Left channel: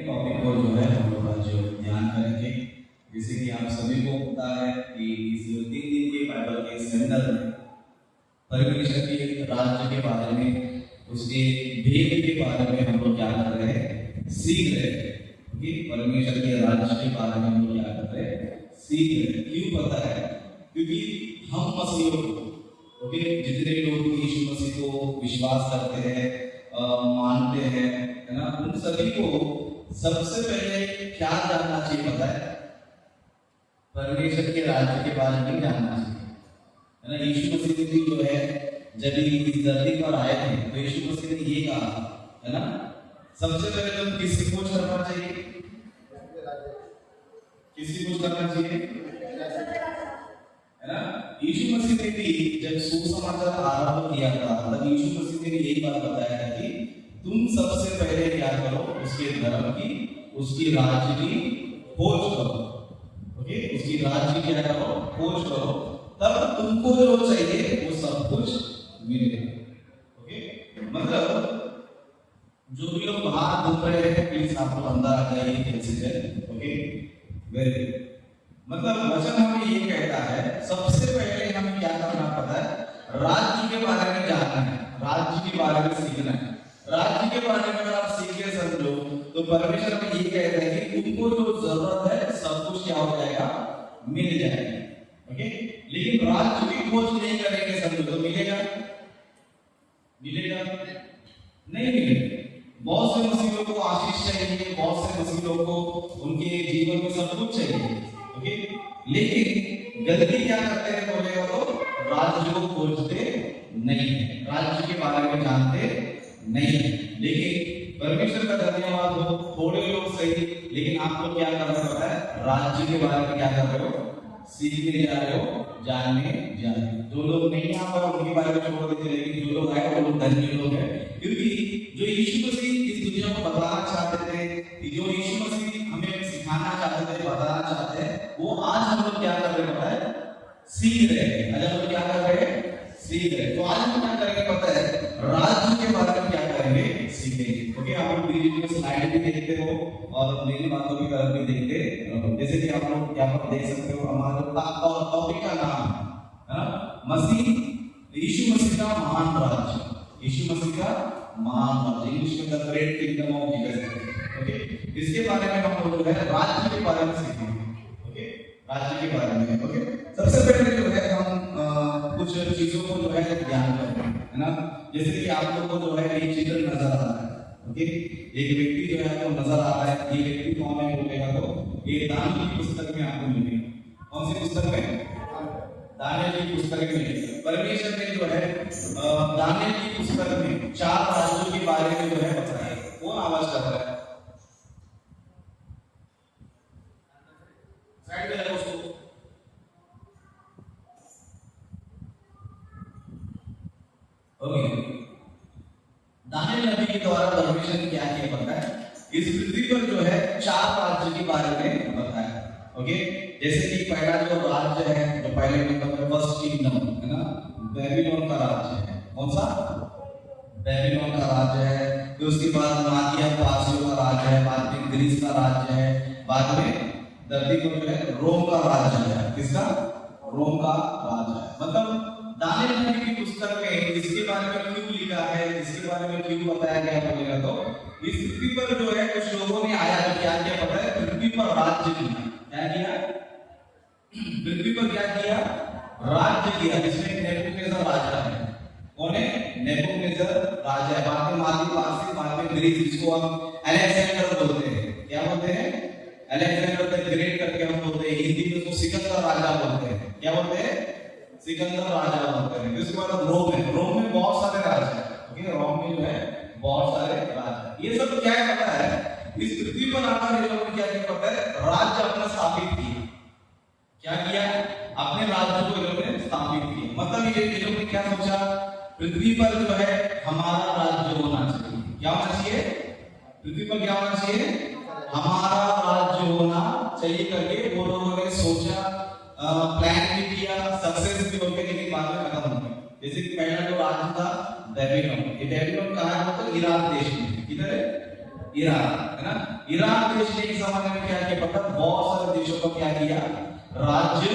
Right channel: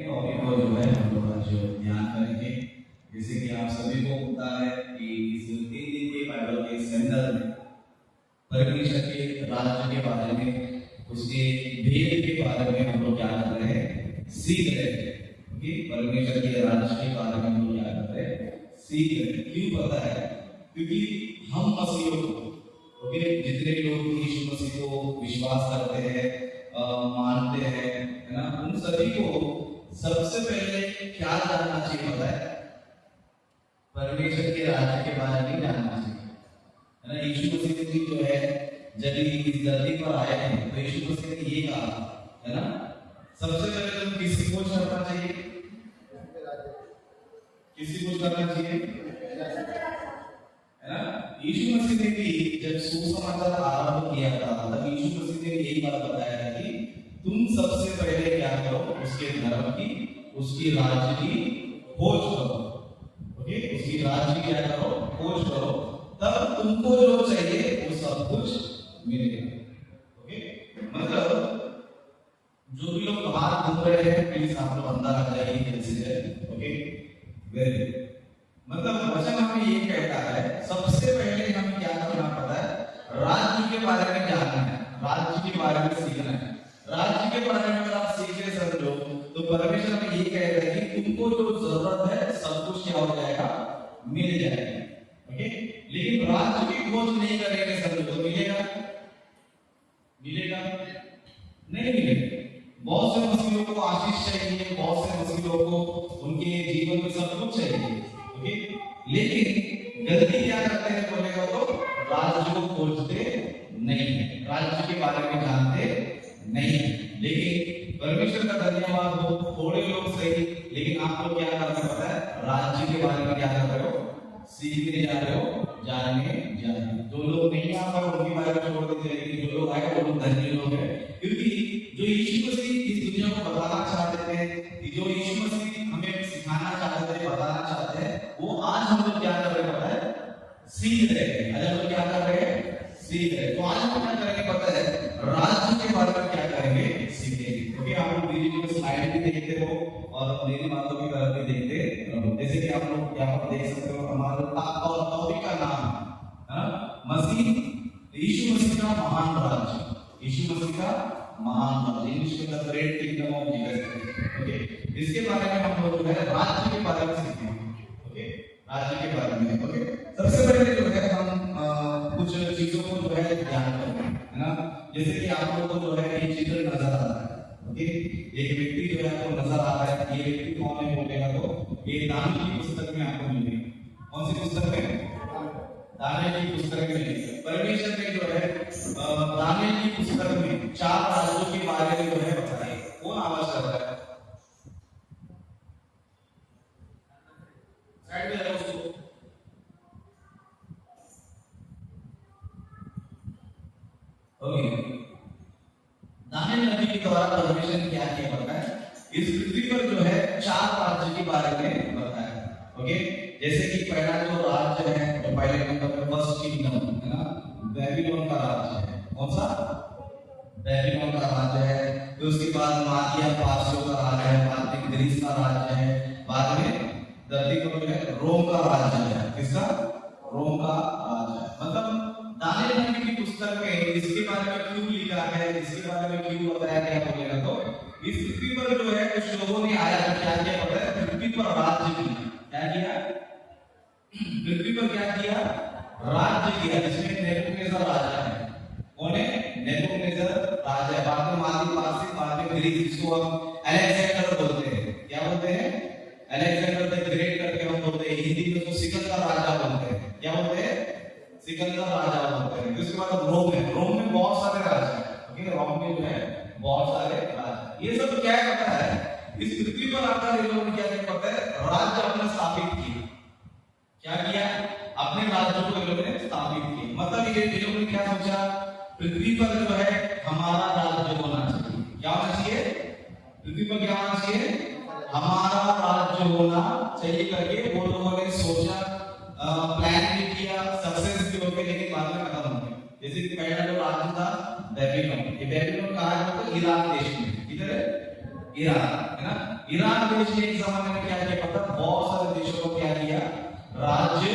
Topic को जो है हम लोग आज ध्यान करेंगे। जैसे कि आप सभी को पता है कि इस 3 दिन के बाइबल के सेमिनार में परमेश्वर के राज्य के बारे में, उसके भेद के बारे में हम लोग क्या कर रहे हैं, सीख रहे हैं। कि परमेश्वर के राज्य के बारे में हम लोग क्या कर रहे हैं, सीख रहे हैं। क्यों पता है? क्योंकि हम मसीहों को, ओके, जितने लोग यीशु मसीह को विश्वास करते हैं, मानते हैं, है ना, उन सभी को सबसे पहले क्या जानना चाहिए पता है? परमेश्वर के राज्य के बारे में जानना चाहिए, है ना। यीशु मसीह जो है जब इस धरती पर आए थे तो यीशु मसीह ने ये कहा, है ना, सबसे पहले तुम किसी को करना चाहिए, किसी को करना चाहिए, है ना। यीशु मसीह ने भी जब सुसमाचार आरंभ किया था तब यीशु मसीह ने यही बात बताया था कि तुम सबसे पहले क्या करो, उसके धर्म की, उसकी राज्य की खोज करो, ओके, उसकी राज्य क्या करो, खोज करो, तब तुमको जो चाहिए वो सब कुछ मिलेगा। ओके, मतलब जो भी लोग बाहर घूम रहे हैं प्लीज आप लोग अंदर आ जाइए कैसे है। Okay, very good. मतलब वचन हमें ये कहता है सबसे पहले हमें क्या करना पड़ता है, राज्य के बारे में जानना है, राज्य के बारे में सीखना है। राज्य के बारे में अगर आप सीख ले समझो तो परमेश्वर हमें ये कहता है कि तुमको जो जरूरत है सब कुछ क्या हो जाएगा, मिल जाएगा। ओके, लेकिन राज्य की खोज नहीं करेंगे समझो तो मिलेगा, मिलेगा नहीं मिलेगा। बहुत से मसीहों को आशीष चाहिए, बहुत से मसीहों को उनके जीवन में सब कुछ चाहिए, ओके, लेकिन गलती क्या करते हैं बोलेगा तो राज्य को खोजते नहीं है, राज्य के बारे में जानते नहीं है। लेकिन परमेश्वर का धन्यवाद हो, थोड़े लोग सही, लेकिन आप लोग क्या करना पड़ता है, राज्य के बारे में क्या कर रहे हो, सीखने जा रहे हो, जानने जा रहे हो। जो लोग नहीं आ पाए उनके बारे में छोड़ देते, लेकिन जो लोग आए वो लोग धन्य लोग हैं, क्योंकि जो यीशु मसीह इस दुनिया को बताना चाहते थे, जो यीशु मसीह हमें सिखाना चाहते थे, बताना चाहते हैं, वो आज हम लोग क्या कर रहे हैं, सीख रहे हैं। आज हम लोग क्या कर रहे हैं, सीख रहे हैं। तो आज हम क्या करेंगे पता है, राज्य के बारे में क्या करेंगे, सीखेंगे। ओके, आप लोग वीडियो में स्लाइड भी देखते हो और मेरी बातों की तरफ भी देखते हो। जैसे कि आप लोग यहाँ पर देख सकते हो, हमारा टॉपिक का नाम है मसीह, यीशु मसीह का महान राज्य, यीशु मसीह का महान राज्य, इंग्लिश में the great kingdom of Jesus. Okay, इसके बारे में हम लोग राज्य के बारे में सीखेंगे। ओके, राज्य के बारे में। ओके, सबसे पहले जो है हम कुछ चीजों को जो है ध्यान रखें, है ना। जैसे कि आप लोगों को जो है ये चित्र नजर आ रहा है, ओके, एक व्यक्ति जो है आपको नजर आ रहा है, ये व्यक्ति कौन है बोलेगा तो ये दानियेल की पुस्तक में आपको मिलेगी। कौन सी पुस्तक में? दानियेल की पुस्तक में मिलेगी। परमेश्वर ने जो है दानियेल की पुस्तक में 4 राज्यों के बारे में जो है बताया। कौन आवाज कर रहा है? साइड में रखो उसको। ओके, दानियेल नबी के द्वारा परमेश्वर ने क्या किया पता है, इस पृथ्वी पर जो है 4 राज्य के बारे में बताया। ओके, जैसे कि पहला जो राज्य है, जो पहले नंबर पर फर्स्ट किंगडम है ना, बेबीलोन का राज्य है। कौन सा? बेबीलोन का राज्य है। फिर उसके बाद मादिया पारसियों का राज्य है, बाद में ग्रीस का राज्य है, बाद में धरती पर जो है रोम का राज्य है। किसका? रोम का राज्य है। मतलब दानियेल नबी की पुस्तक में इसके बारे में क्यों लिखा है, इसके बारे में क्यों बताया गया बोलेगा तो इस पृथ्वी पर जो है कुछ लोगों ने आया तो क्या किया पता है, पृथ्वी पर राज्य किया। क्या किया? पृथ्वी पर क्या किया? राज्य किया। जिसमें नेबूकदनेस्सर राजा है। कौन है? नेबूकदनेस्सर राजा है। बाद में मादी पारसी, बाद में ग्रीस, जिसको हम अलेक्जेंडर बोलते हैं। क्या बोलते हैं? अलेक्जेंडर द ग्रेट करके हम बोलते हैं। हिंदी में उसको सिकंदर राजा बोलते हैं। क्या बोलते हैं? सिकंदर राजा बोलते हैं। उसके बाद रोम है। रोम में बहुत सारे राजा हैं। ओके, रोम में जो है बहुत सारे राजा। ये सब क्या करता है, इस पृथ्वी पर आकर ये लोग क्या करते हैं, राज्य अपना स्थापित किए। क्या किया? अपने राज्य को ये लोग ने स्थापित किए। मतलब ये लोग ने क्या सोचा, पृथ्वी पर जो है हमारा राज्य होना चाहिए। क्या होना चाहिए? पृथ्वी पर क्या होना चाहिए? हमारा राज्य होना चाहिए करके वो लोगों ने सोचा, प्लान भी किया, सक्सेस भी हो गया, लेकिन बाद में खत्म हो गया। जैसे कि पहला जो राज्य था बेबीलोन, ये बेबीलोन कहाँ है? तो इराक देश में। किधर है? ईरान, है ना। ईरान देश ने एक जमाने में क्या किया पता, बहुत सारे देशों पर क्या किया, राज्य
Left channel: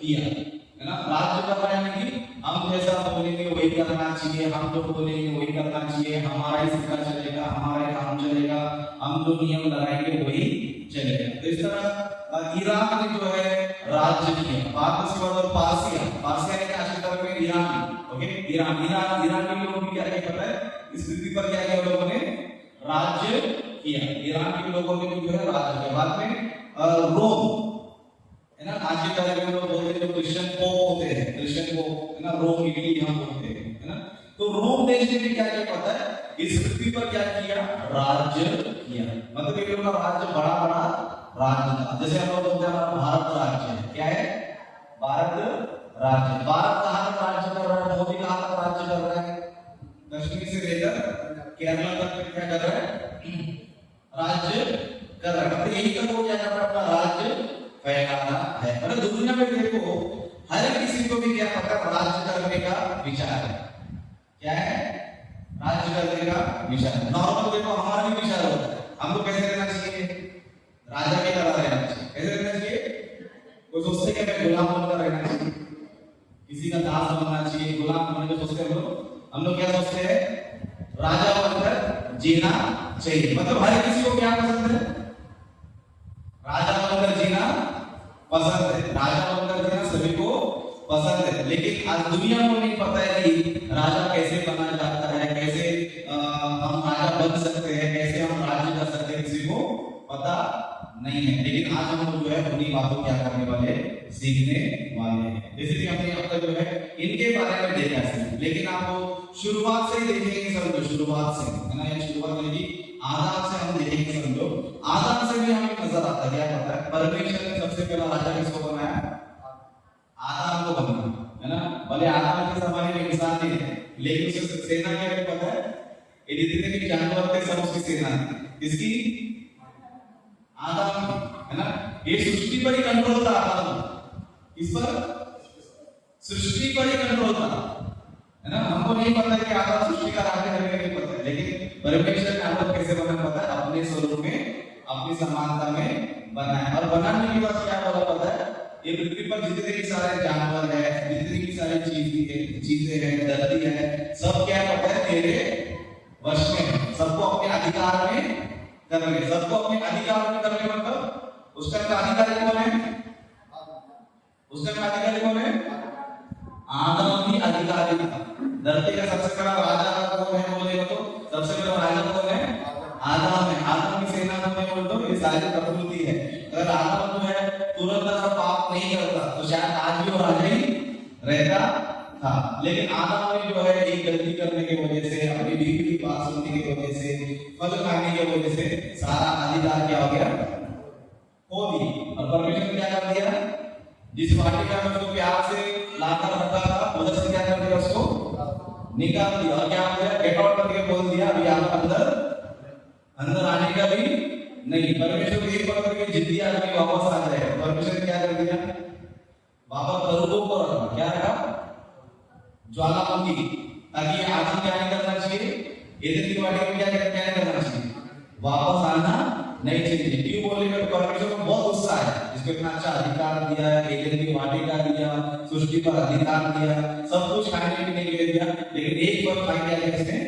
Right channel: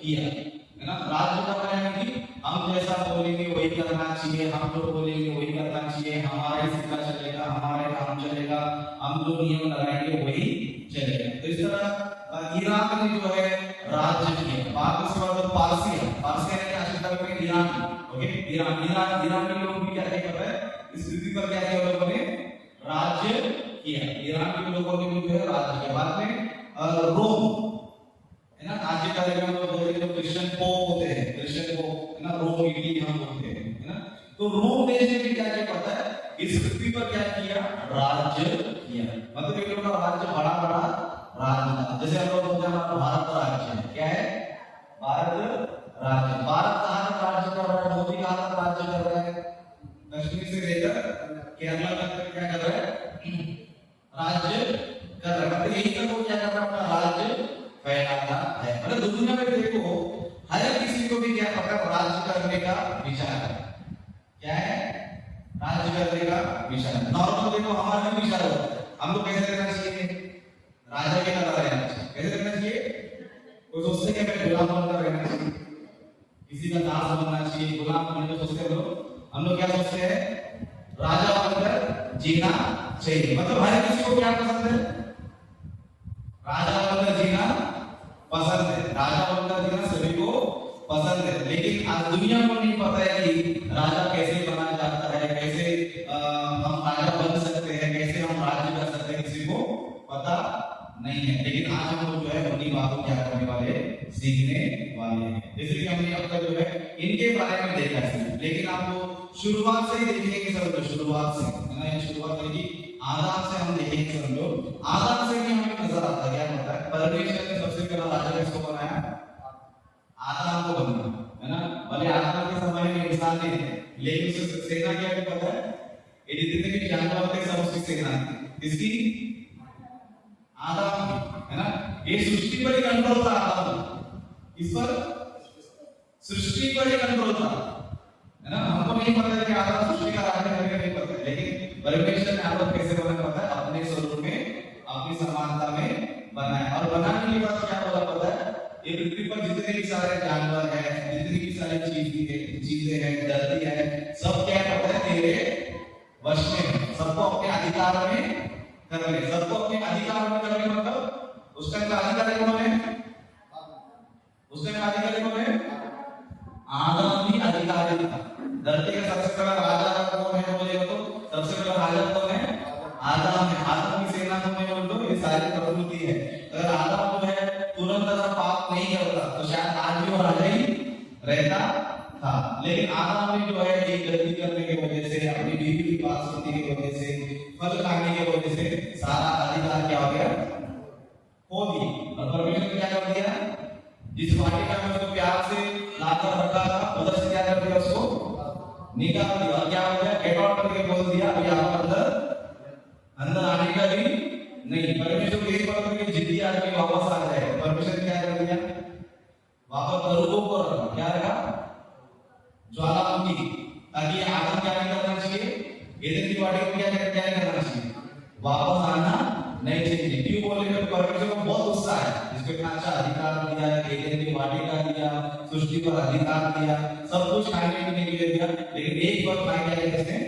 किया, है ना। राज्य कर रहे हैं कि हम जैसा बोलेंगे वही करना चाहिए, हम जो बोलेंगे वही करना चाहिए, हमारा ही सिक्का चलेगा, हमारे काम चलेगा, हम जो नियम लगाएंगे वही चलेगा। तो इस तरह ईरान ने जो है राज्य किया। बाद उसके बाद पारसिया, पारसिया ने क्या शासन किया, Iran, okay, Iran Iran Iran के लोग भी क्या कर रहे हैं, इस स्थिति पर क्या किया लोगों ने, राज्य किया। ईरान के लोगों ने भी जो है राज्य किया। बाद में रोम, है ना, आज के टाइम में लोग बोलते हैं क्रिश्चियन पोप होते हैं, क्रिश्चियन पोप, है ना, रोम इटली हम बोलते हैं, है ना। तो रोम देश ने भी क्या किया पता है, इस पृथ्वी पर क्या किया, राज्य किया। मतलब एक लोग का राज्य बड़ा बड़ा राज्य था। जैसे हम लोग बोलते हैं हमारा भारत राज्य है, क्या है, भारत राज्य। भारत कहाँ तक राज्य कर रहा है, मोदी कहाँ तक राज्य कर रहा है, कश्मीर से लेकर केरला तक क्या कर रहा है, राज्य कर रहा है। मतलब यही तक वो क्या कर रहा है, अपना राज्य फैलाना है। मतलब दुनिया में देखो हर किसी को भी क्या पता, राज्य करने का विचार है, क्या है, राज्य करने का विचार। नॉर्मल देखो हमारा भी विचार होता है, हमको कैसे रहना चाहिए, राजा की तरह रहना चाहिए। कैसे रहना चाहिए, कोई सोचते कि मैं गुलाम बनकर रहना चाहिए, किसी का दास बनना चाहिए, गुलाम बनने को सोचते हम लोग क्या सोचते हैं, राजा बनकर जीना चाहिए। मतलब हर किसी को क्या पसंद है, राजा बनकर जीना पसंद है, राजा बनकर जीना सभी को पसंद है। लेकिन आज दुनिया को नहीं पता है कि राजा कैसे बना जाता है, कैसे हम राजा बन सकते हैं, कैसे हम राज्य कर सकते हैं, किसी को पता नहीं है। लेकिन आज हम जो है उन्हीं बातों क्या करने वाले, सीखने वाले हैं। जैसे कि हमने अब तक जो है इनके बारे में देखा है, लेकिन आपको शुरुआत से ही देखेंगे समझो, शुरुआत से, है ना, ये शुरुआत नहीं, आदाम से हम देखेंगे समझो। आदाम से भी हमें नजर आता है, क्या पता है, परमेश्वर ने सबसे पहला राजा किसको बनाया, आदम को बनाया, है ना। भले आदम के समय में इंसान नहीं थे, लेकिन उसकी सेना क्या है पता है, ये जितने भी जानवर थे सब उसकी सेना थी। इसकी आदम, है ना। ये सृष्टि पर ही कंट्रोल था आदम, इस पर सृष्टि पर ही कंट्रोल था, है ना। हमको नहीं पता है कि आदम सृष्टि का राज्य करने नहीं पता है, लेकिन परमेश्वर ने आदम कैसे बनाया पता है, अपने स्वरूप में, अपनी समानता में बनाया। और बनाने के बाद क्या बोला पता है, ये पृथ्वी पर जितने भी सारे जानवर है, जितनी भी सारी चीजें हैं, धरती है, सब क्या करते हैं, तेरे वश में, सबको अपने अधिकार में करने, सबको अपने अधिकार में करने। मतलब उसका अधिकारी कौन है, उसका अधिकारी कौन है, आदम ही अधिकारी था। धरती का सबसे बड़ा राजा कौन है बोले तो, सबसे बड़ा राजा कौन है, आदम है। आदम की सेना को मैं बोलूं ये सारी प्रकृति है। अगर आदम जो है तुरंत अगर पाप नहीं करता तो शायद आज भी वो राजा ही रहता था। लेकिन आदम ने जो है एक गलती करने की वजह से, अपनी बीवी की बात सुनने की वजह से, फल खाने की वजह से सारा अधिकार क्या हो गया, खो दी। और परमेश्वर ने क्या कर दिया, जिस वाटिका में उसको प्यार से लाकर रखा था, उधर से क्या कर दिया, उसको निकाल दिया। और क्या हो गया, गेट आउट करके बोल दिया अभी आप अंदर आने का भी नहीं। परमेश्वर को एक बार करके जिद्दी आदमी वापस आ जाए, परमेश्वर ने क्या कर दिया, वापस करूबों को रखा, क्या रखा, ज्वालामुखी, ताकि आदम क्या नहीं करना चाहिए, एदन की वाटिका में क्या नहीं करना चाहिए, वापस आना नहीं चाहिए। क्यों बोले, परमेश्वर को बहुत गुस्सा है, इसको इतना अच्छा अधिकार दिया, एदन की वाटिका दिया, सृष्टि पर अधिकार दिया, सब कुछ खाने पीने के लिए दिया, लेकिन एक बार खाने के लिए इसने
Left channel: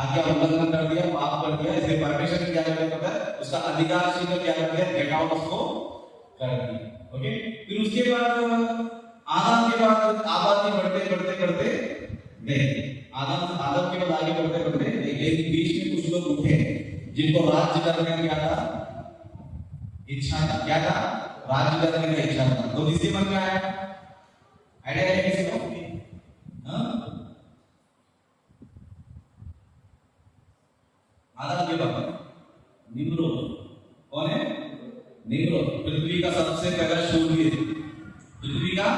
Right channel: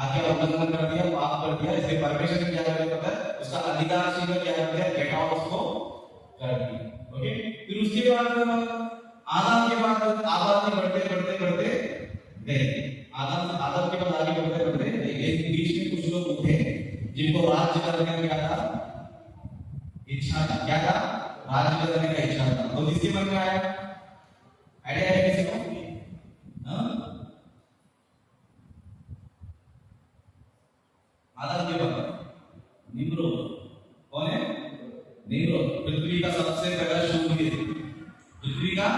आज्ञा उल्लंघन कर दिया, पाप कर दिया। इसलिए परमेश्वर ने क्या किया, उसका अधिकार सीधा क्या कर दिया, गेट आउट उसको कर दिया। ओके, फिर उसके बाद आदम के बाद आबादी बढ़ते बढ़ते बढ़ते गए, आदम के बाद आगे बढ़ते बढ़ते, लेकिन बीच में कुछ लोग उठे जिनको राज्य करने का क्या था, इच्छा था, क्या था, राज्य करने का इच्छा था। तो किसके मन में आया, आइडिया है किसी को, आदम के बाद निम्रोद, कौन है, निम्रोद, पृथ्वी का सबसे पहला शूरवीर, पृथ्वी का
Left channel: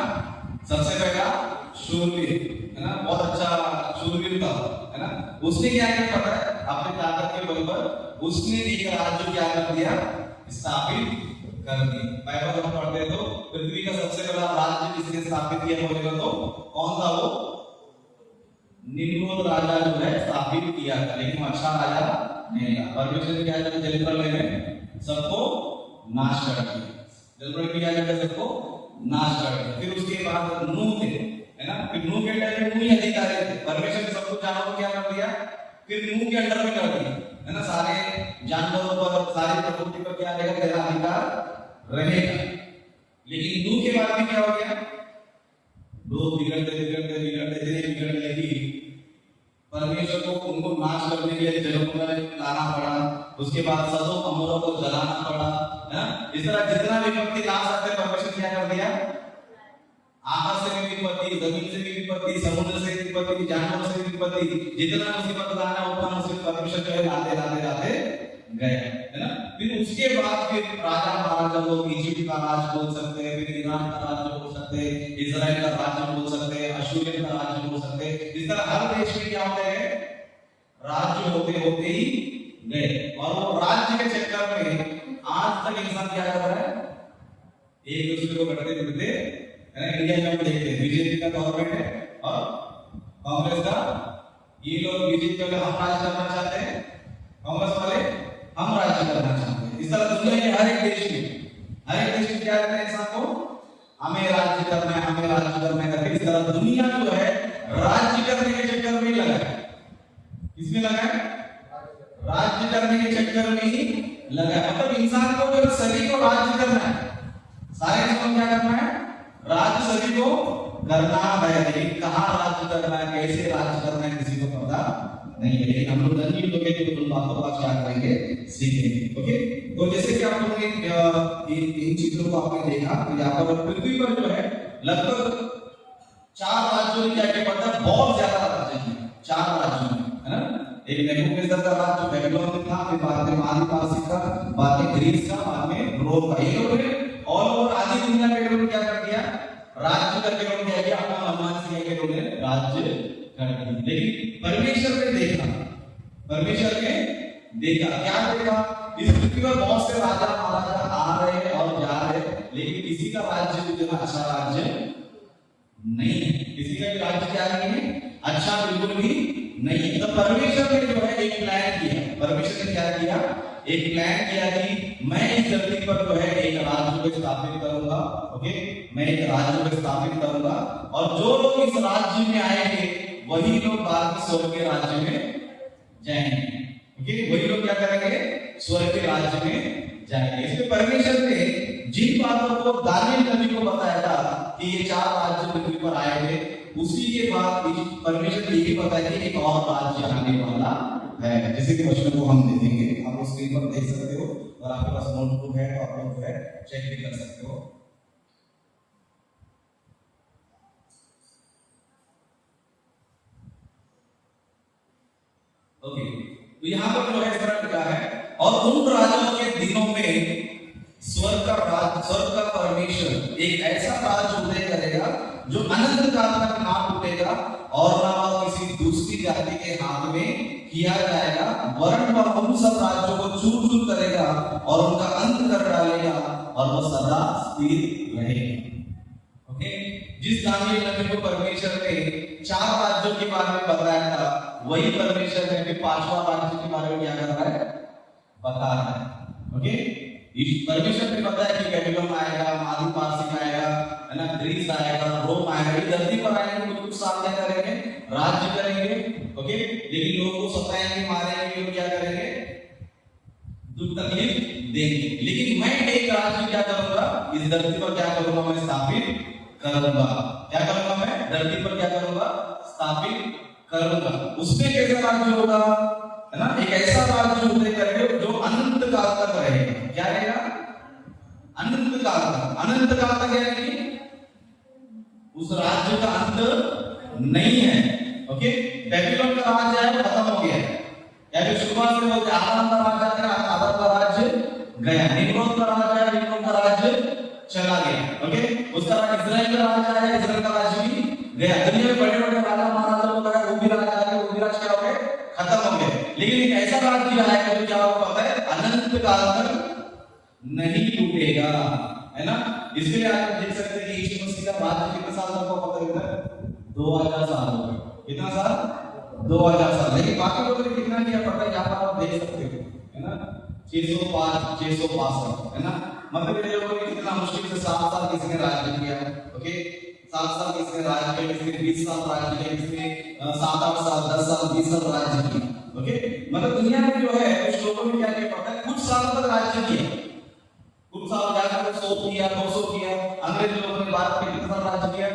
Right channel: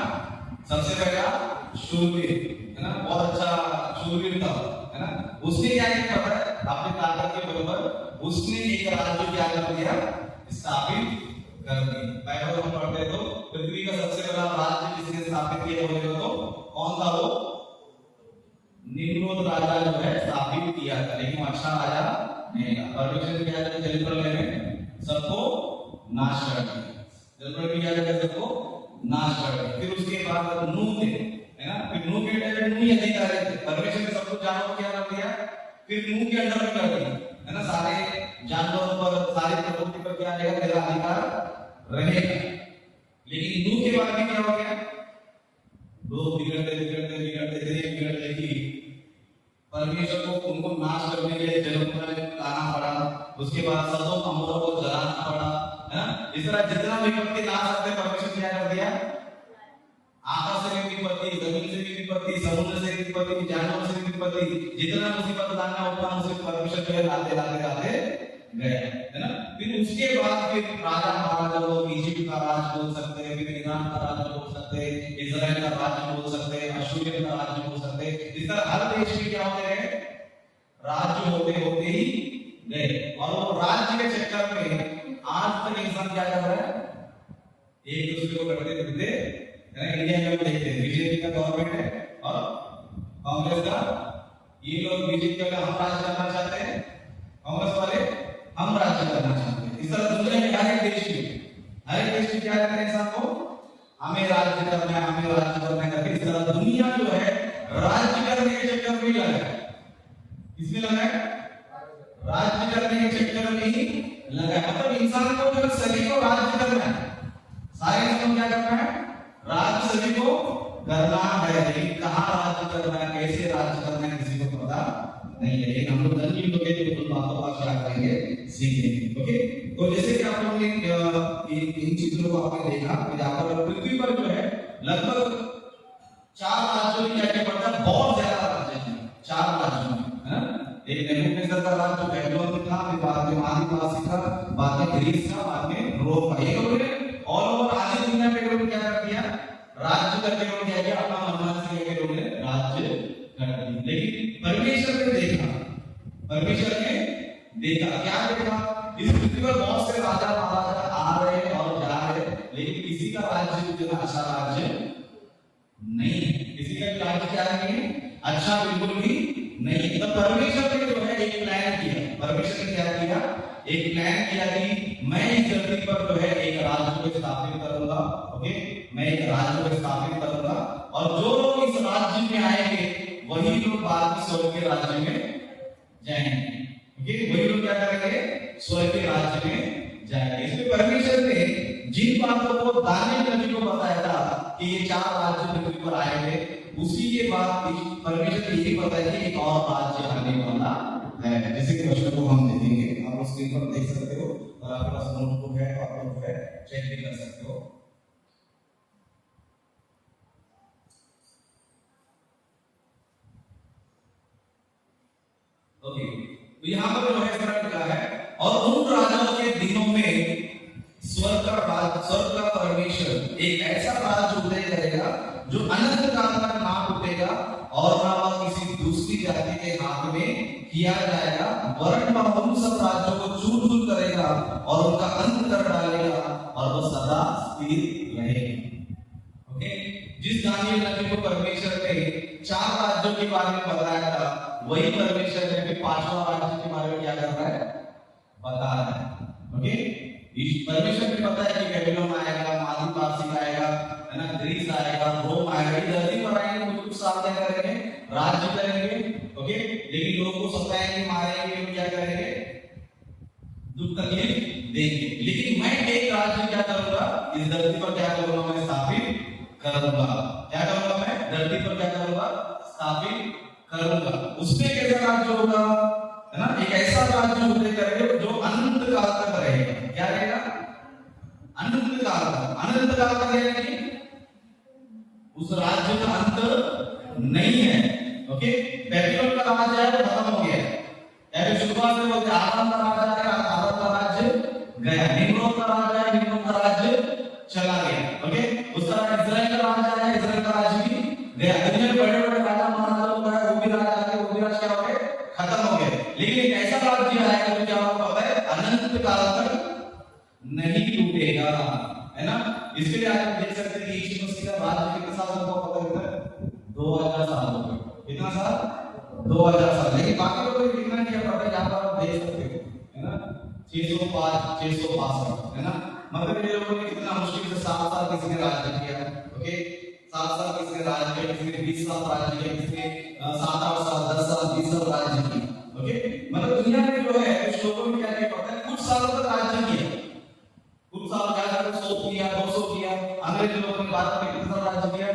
सबसे पहला शूरवीर, है ना, बहुत अच्छा शूरवीर था, है ना। उसने क्या किया पता है, अपने ताकत के बल पर उसने एक राज्य क्या कर दिया, स्थापित कर दिया। बाइबल में पढ़ते तो पृथ्वी का सबसे बड़ा राज्य जिसने स्थापित किया बोलेगा तो कौन था, वो निम्रोद राजा जो है स्थापित किया था। लेकिन अच्छा राजा नहीं था। परमेश्वर ने क्या किया, जल प्रलय में सबको नाश कर दिया। जलप्रलय में क्या किया? सबको नाश कर दिया। फिर उसके बाद नूह थे, है ना, फिर नूह के टाइम में नूह ही अधिकारी थे, परमेश्वर ने सब कुछ जानवरों को क्या कर दिया? फिर नूह के अंडर में कर दिया, है ना, सारे जानवरों पर, सारे प्रकृति पर क्या रहेगा? तेरा अधिकार रहेगा। लेकिन नूह के बाद में क्या हो गया? लोग बिगड़ते बिगड़ते बिगड़ते बिगड़ने लगी, परमेश्वर को उनको नाश करने के लिए जरूरत लाना पड़ा। उसके बाद सदोम अमोरा को जलाना पड़ा, है ना। इस तरह जितना विपत्ति ला सकते परमेश्वर क्या कर दिया? आकाश से भी विपत्ति, जमीन से भी विपत्ति, समुद्र से भी विपत्ति, जानवरों से भी विपत्ति, जितना मुसीबत लाना उतना मुसीबत परमेश्वर के लाते लाते लाते गए, है ना। फिर उसके बाद फिर राजा महाराजा लोग इजिप्ट का राज बोल सकते हैं, फिर ईरान का राज बोल सकते हैं, इजराइल का राज बोल सकते हैं, अशूरियन का राज बोल सकते हैं। इस तरह हर देश में क्या होते हैं? राज्य होते होते ही गए। और वो राज्य के चक्कर में आज तक इंसान क्या कर रहा है? एक दूसरे को करते फिरते, है ना। इंडिया में देखते हैं बीजेपी का गवर्नमेंट है और कांग्रेस का, ये लोग बीजेपी वाले हम राज करना चाहते हैं, कांग्रेस वाले हम राज्य करना चाहते हैं। इस तरह दुनिया के हर एक देश में क्या कहते हैं? इंसान को हमें राज्य करना है, हमें राज्य करना है। इस तरह दुनिया जो है राज्य करने के चक्कर में ही लगा है। किसमें लगा है? राज्य करने के चक्कर में ही लगा है। मतलब इंसान को जो सभी को राज्य करना है, सारे इंसान क्या करना है? राज्य सभी को करना है। लेकिन कहाँ राज्य करना है, कैसे राज्य करना है, किसी को पता नहीं है। लेकिन हम लोग जल्दी लोग उन बातों का क्या करेंगे? सीखेंगे। ओके, तो जैसे कि आप लोगों ने इन चीजों को आपने देखा, तो यहाँ पर पृथ्वी पर जो है लगभग 4 राज्यों में क्या पड़ता है? बहुत ज्यादा राज्य है 4 राज्यों में, है ना। एक नेबूकदनेस्सर का राज्य जो बेबीलोन में था, फिर बाद में मादी का, बाद में ग्रीस का, बाद में रोम का। ये लोग ऑल ओवर आधी दुनिया में लोग क्या कर दिया? राज्य करके लोग क्या किया? अपना मनमान से लेके लोग राज्य कर दिया। लेकिन परमेश्वर ने देखा क्या देखा? इस पृथ्वी पर बहुत से राजा महाराजा आ रहे हैं और जा रहे हैं, लेकिन किसी का राज्य जितना अच्छा राज्य नहीं है। किसी का राज्य क्या नहीं है? अच्छा बिल्कुल भी नहीं। तो परमेश्वर ने जो है एक प्लान किया। परमेश्वर ने क्या किया? एक प्लान किया कि मैं इस धरती पर जो है एक राज्य को स्थापित करूंगा। ओके, मैं एक राज्य को स्थापित करूंगा और जो लोग इस राज्य में आएंगे वही लोग बाद में स्वर्ग के राज्य में जाएंगे। ओके, वही लोग क्या करेंगे? स्वर्ग के राज्य में जाएंगे। इसलिए परमेश्वर ने जिन बातों को दानियेल नबी को बताया था कि ये 4 राज्य पृथ्वी पर आएंगे, उसी के बाद परमेश्वर ने ये बताया कि एक और राज्य आने वाला है, जिसे कि वचन को हम देखेंगे। आप स्क्रीन पर देख सकते हो और आपके पास नोटबुक है तो आप लोग जो है चेक भी कर सकते हो। ओके, तो यहाँ पर जो है इस तरह लिखा है, और उन राजाओं के दिनों में स्वर्ग का परमेश्वर एक ऐसा राज्य उदय करेगा जो अनंत काल तक ना टूटेगा और ना किसी दूसरी जाति के हाथ में किया जाएगा, वरन वह उन सब राज्यों को चूर चूर करेगा और उनका अंत कर डालेगा और वह सदा स्थिर रहेगा। ओके, जिस दानियेल नबी को परमेश्वर ने 4 राज्यों के बारे में बताया था, वही परमेश्वर ने भी 5वां राज्य के बारे में क्या कर रहा है? बता रहा है। ओके, परमेश्वर ने पता है कि बेबीलोन आएगा, मादी पारसी आएगा, है ना, ग्रीस आएगा, रोम आएगा, ये धरती पर आएंगे, कुछ सामने करेंगे, राज्य करेंगे। ओके, लेकिन लोगों को सताएंगे, मारेंगे, लोग क्या करेंगे? दुख तकलीफ देंगे। लेकिन मैं एक राज्य क्या करूंगा? इस धरती पर क्या करूंगा? मैं स्थापित करूंगा। क्या करूंगा? मैं धरती पर क्या करूंगा? स्थापित करूंगा। उसमें कैसे राज्य होगा? है ना, एक ऐसा राज्य उदय करेगा जो अनंत काल तक रहेगा। क्या रहेगा? अनंत काल तक। अनंत काल तक यानी उस राज्य का अंत नहीं है। ओके, बेबीलोन का राज्य है खत्म हो गया। यानी शुरुआत से बोलते आदम का राज्य है, आदम का राज्य गया। निम्रोद का राज्य है, निम्रोद का राज्य चला गया। ओके, उसका इजराइल का राज्य है, इजराइल का राज्य भी गया। दुनिया में बड़े बड़े राजा महाराजा लोग गए, वो भी राजा आए, वो भी राज क्या हो गए? खत्म हो गए। लेकिन एक ऐसा राज्य आएगा जो क्या होगा पता है? अनंत काल तक नहीं टूटेगा, है ना। इसलिए आप देख सकते हैं कि यीशु मसीह का राज्य कितने साल तक होगा? 2000 साल हो गए। कितना साल? 2000 साल। लेकिन बाकी लोगों ने कितना किया पता है? यहाँ पर आप देख सकते हो, है ना, 600 662 है ना। मतलब ये लोगों ने कितना मुश्किल से 7 साल किसी ने राज किया। ओके, 7 साल किसी ने राज किया, किसी ने 20 साल राज किया, किसी ने 7-8 साल, 10 साल, 20 साल राज किया। ओके, मतलब दुनिया में जो है कुछ लोगों ने क्या किया पता है, कुछ सालों तक राज किया, कुछ साल जाकर 100 किया, 200 किया। अंग्रेज लोगों ने बात करके कितना राज किया,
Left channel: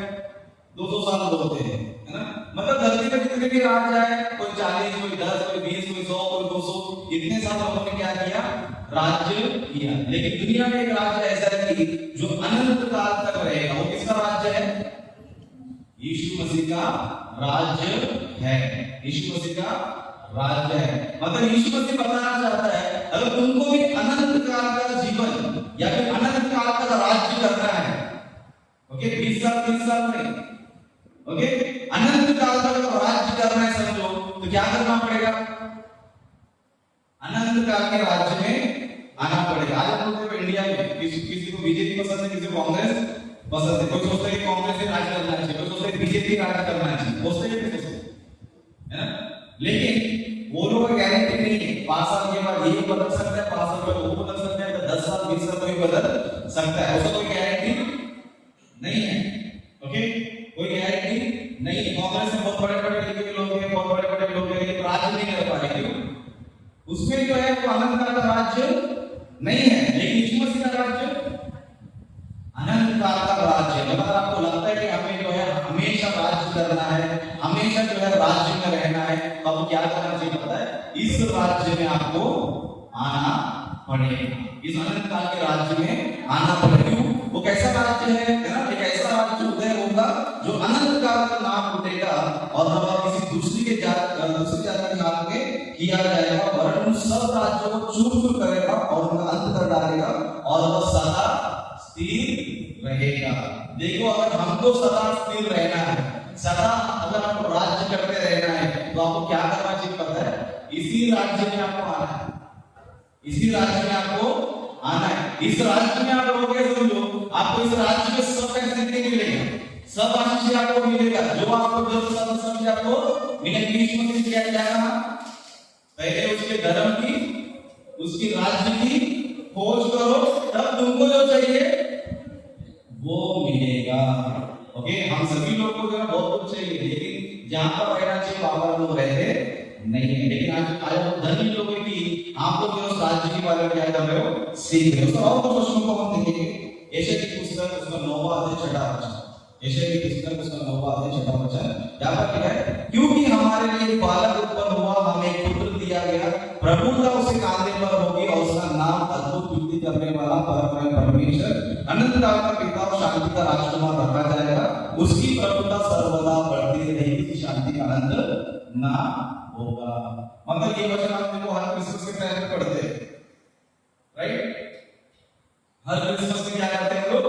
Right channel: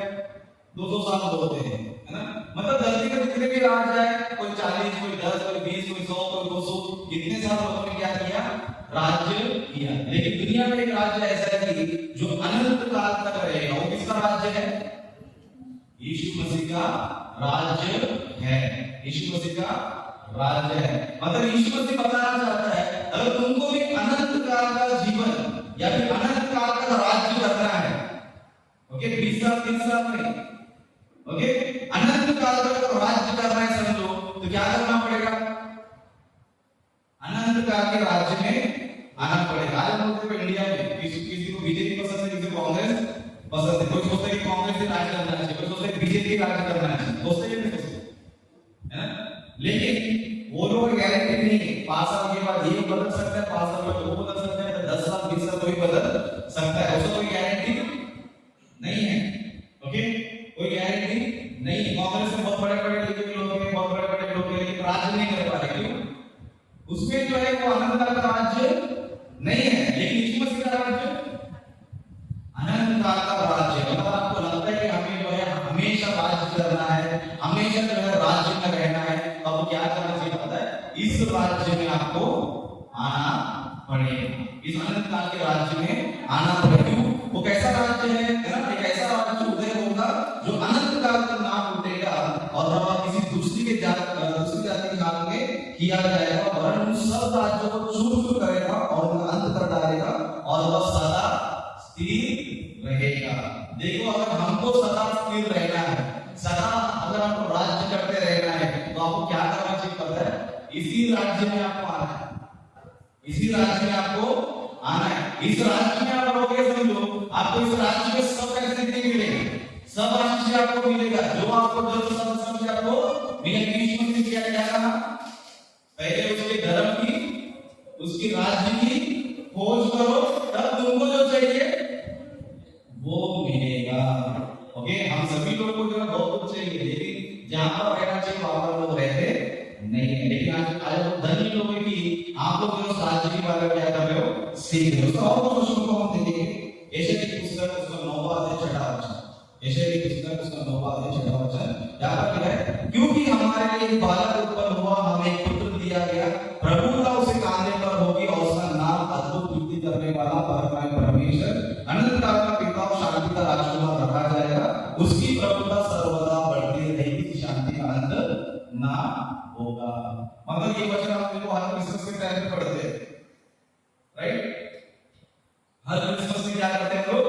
200 साल बोलते हैं, है ना। मतलब धरती पे जितने भी राज आए, कोई 40, कोई 10, कोई 20, कोई 100, कोई 200, इतने साल लोगों ने क्या किया, राज्य किया। लेकिन दुनिया में एक राज्य ऐसा है कि जो अनंत काल तक रहेगा। वो किसका राज्य है? यीशु मसीह का राज्य है। यीशु मसीह का राज्य है। मतलब यीशु मसीह बताना चाहता है, अगर तुमको भी अनंत काल का जीवन या फिर अनंत काल का राज्य करना है, ओके, 20 साल 30 साल नहीं, ओके, अनंत काल का राज्य करना है समझो, तो क्या करना पड़ेगा? अनंत काल के राज्य में आना पड़ेगा। आज हम लोग इंडिया में किसी को बीजेपी पसंद है, किसी को कांग्रेस पसंद है। कोई सोचते हैं कि कांग्रेस से राज करना चाहिए, कोई सोचते हैं बीजेपी राज करना चाहिए, सोचते हैं है ना। लेकिन वो लोग गारंटी नहीं है 5 साल के बाद ये बदल सकता है, 5 साल बाद वो बदल सकता है, 10 साल 20 साल कोई बदल सकता है, ऐसा कोई गारंटी नहीं है। ओके, कोई गारंटी नहीं। कांग्रेस में बहुत बड़े बड़े लोग हैं, बहुत बड़े बड़े लोग हैं, लेकिन राज नहीं कर पा रहे। क्यों? उसमें जो है वो अनंत काल का राज्य नहीं है। लेकिन यीशु मसीह का राज्य अनंत काल का राज्य। अगर आपको लगता है कि हमें जो है हमेशा राज्य करना है, हमेशा जो है राज्य में रहना है, तो आपको क्या करना चाहिए पता है? इस राज्य में आपको आना पड़ेगा। इस अनंत काल के राज्य में आना पड़ेगा। वो कैसा राज्य है ना? एक ऐसा राज्य उदय होगा जो अनंत काल तक ना टूटेगा और ना किसी दूसरी जाति के काल में किया जाएगा, वरन सब राज्यों को चूर-चूर करेगा और उनका अंत कर डालेगा और वह सदा स्थिर रहेगा। देखो, अगर हमको सदा स्थिर रहना है, सदा अगर आपको राज्य करते रहना है, तो आपको क्या करना चाहिए पता है? इसी राज्य में आपको आना है, इसी राज्य में आपको आना है। इस राज्य में आप रहोगे समझो, आपको इस राज्य में सब फैसिलिटी मिलेगी, सब आशीष आपको मिलेगा, जो आपको जरूरत सब आपको मिलेगी। यीशु मसीह क्या कहा? पहले उसके धर्म की, उसकी राज्य की खोज करो, तब तुमको जो चाहिए वो मिलेगा। ओके, हम सभी लोग को जो बहुत कुछ चाहिए, लेकिन जहां पर रहना चाहिए वहां पर लोग रहते नहीं है। लेकिन आज लोग धनी लोग की आप लोग जो राज्य की बारे में क्या कर रहे हो, सीख रहे हो। और क्वेश्चन को हम देखेंगे यशायाह की पुस्तक उसका 9वां अध्याय 6वां वचन। यशायाह की पुस्तक उसका 9वां अध्याय 6वां वचन क्या लिखा है? क्योंकि हमारे लिए बालक उत्पन्न हुआ, हमें एक पुत्र दिया गया, प्रभुता उसके कांधे पर होगी और उसका नाम अद्भुत युक्ति करने वाला, परमेश्वर, अनंत काल का पिता और शांति का राजकुमार रखा जाएगा। उसकी प्रभुता सर्वदा बढ़ती रहेगी, शांति का अंत ना होगा। मतलब ये वचन आप देखो हर क्रिसमस के टाइम पे पढ़ते हैं, राइट? हर क्रिसमस में क्या करते हैं लोग?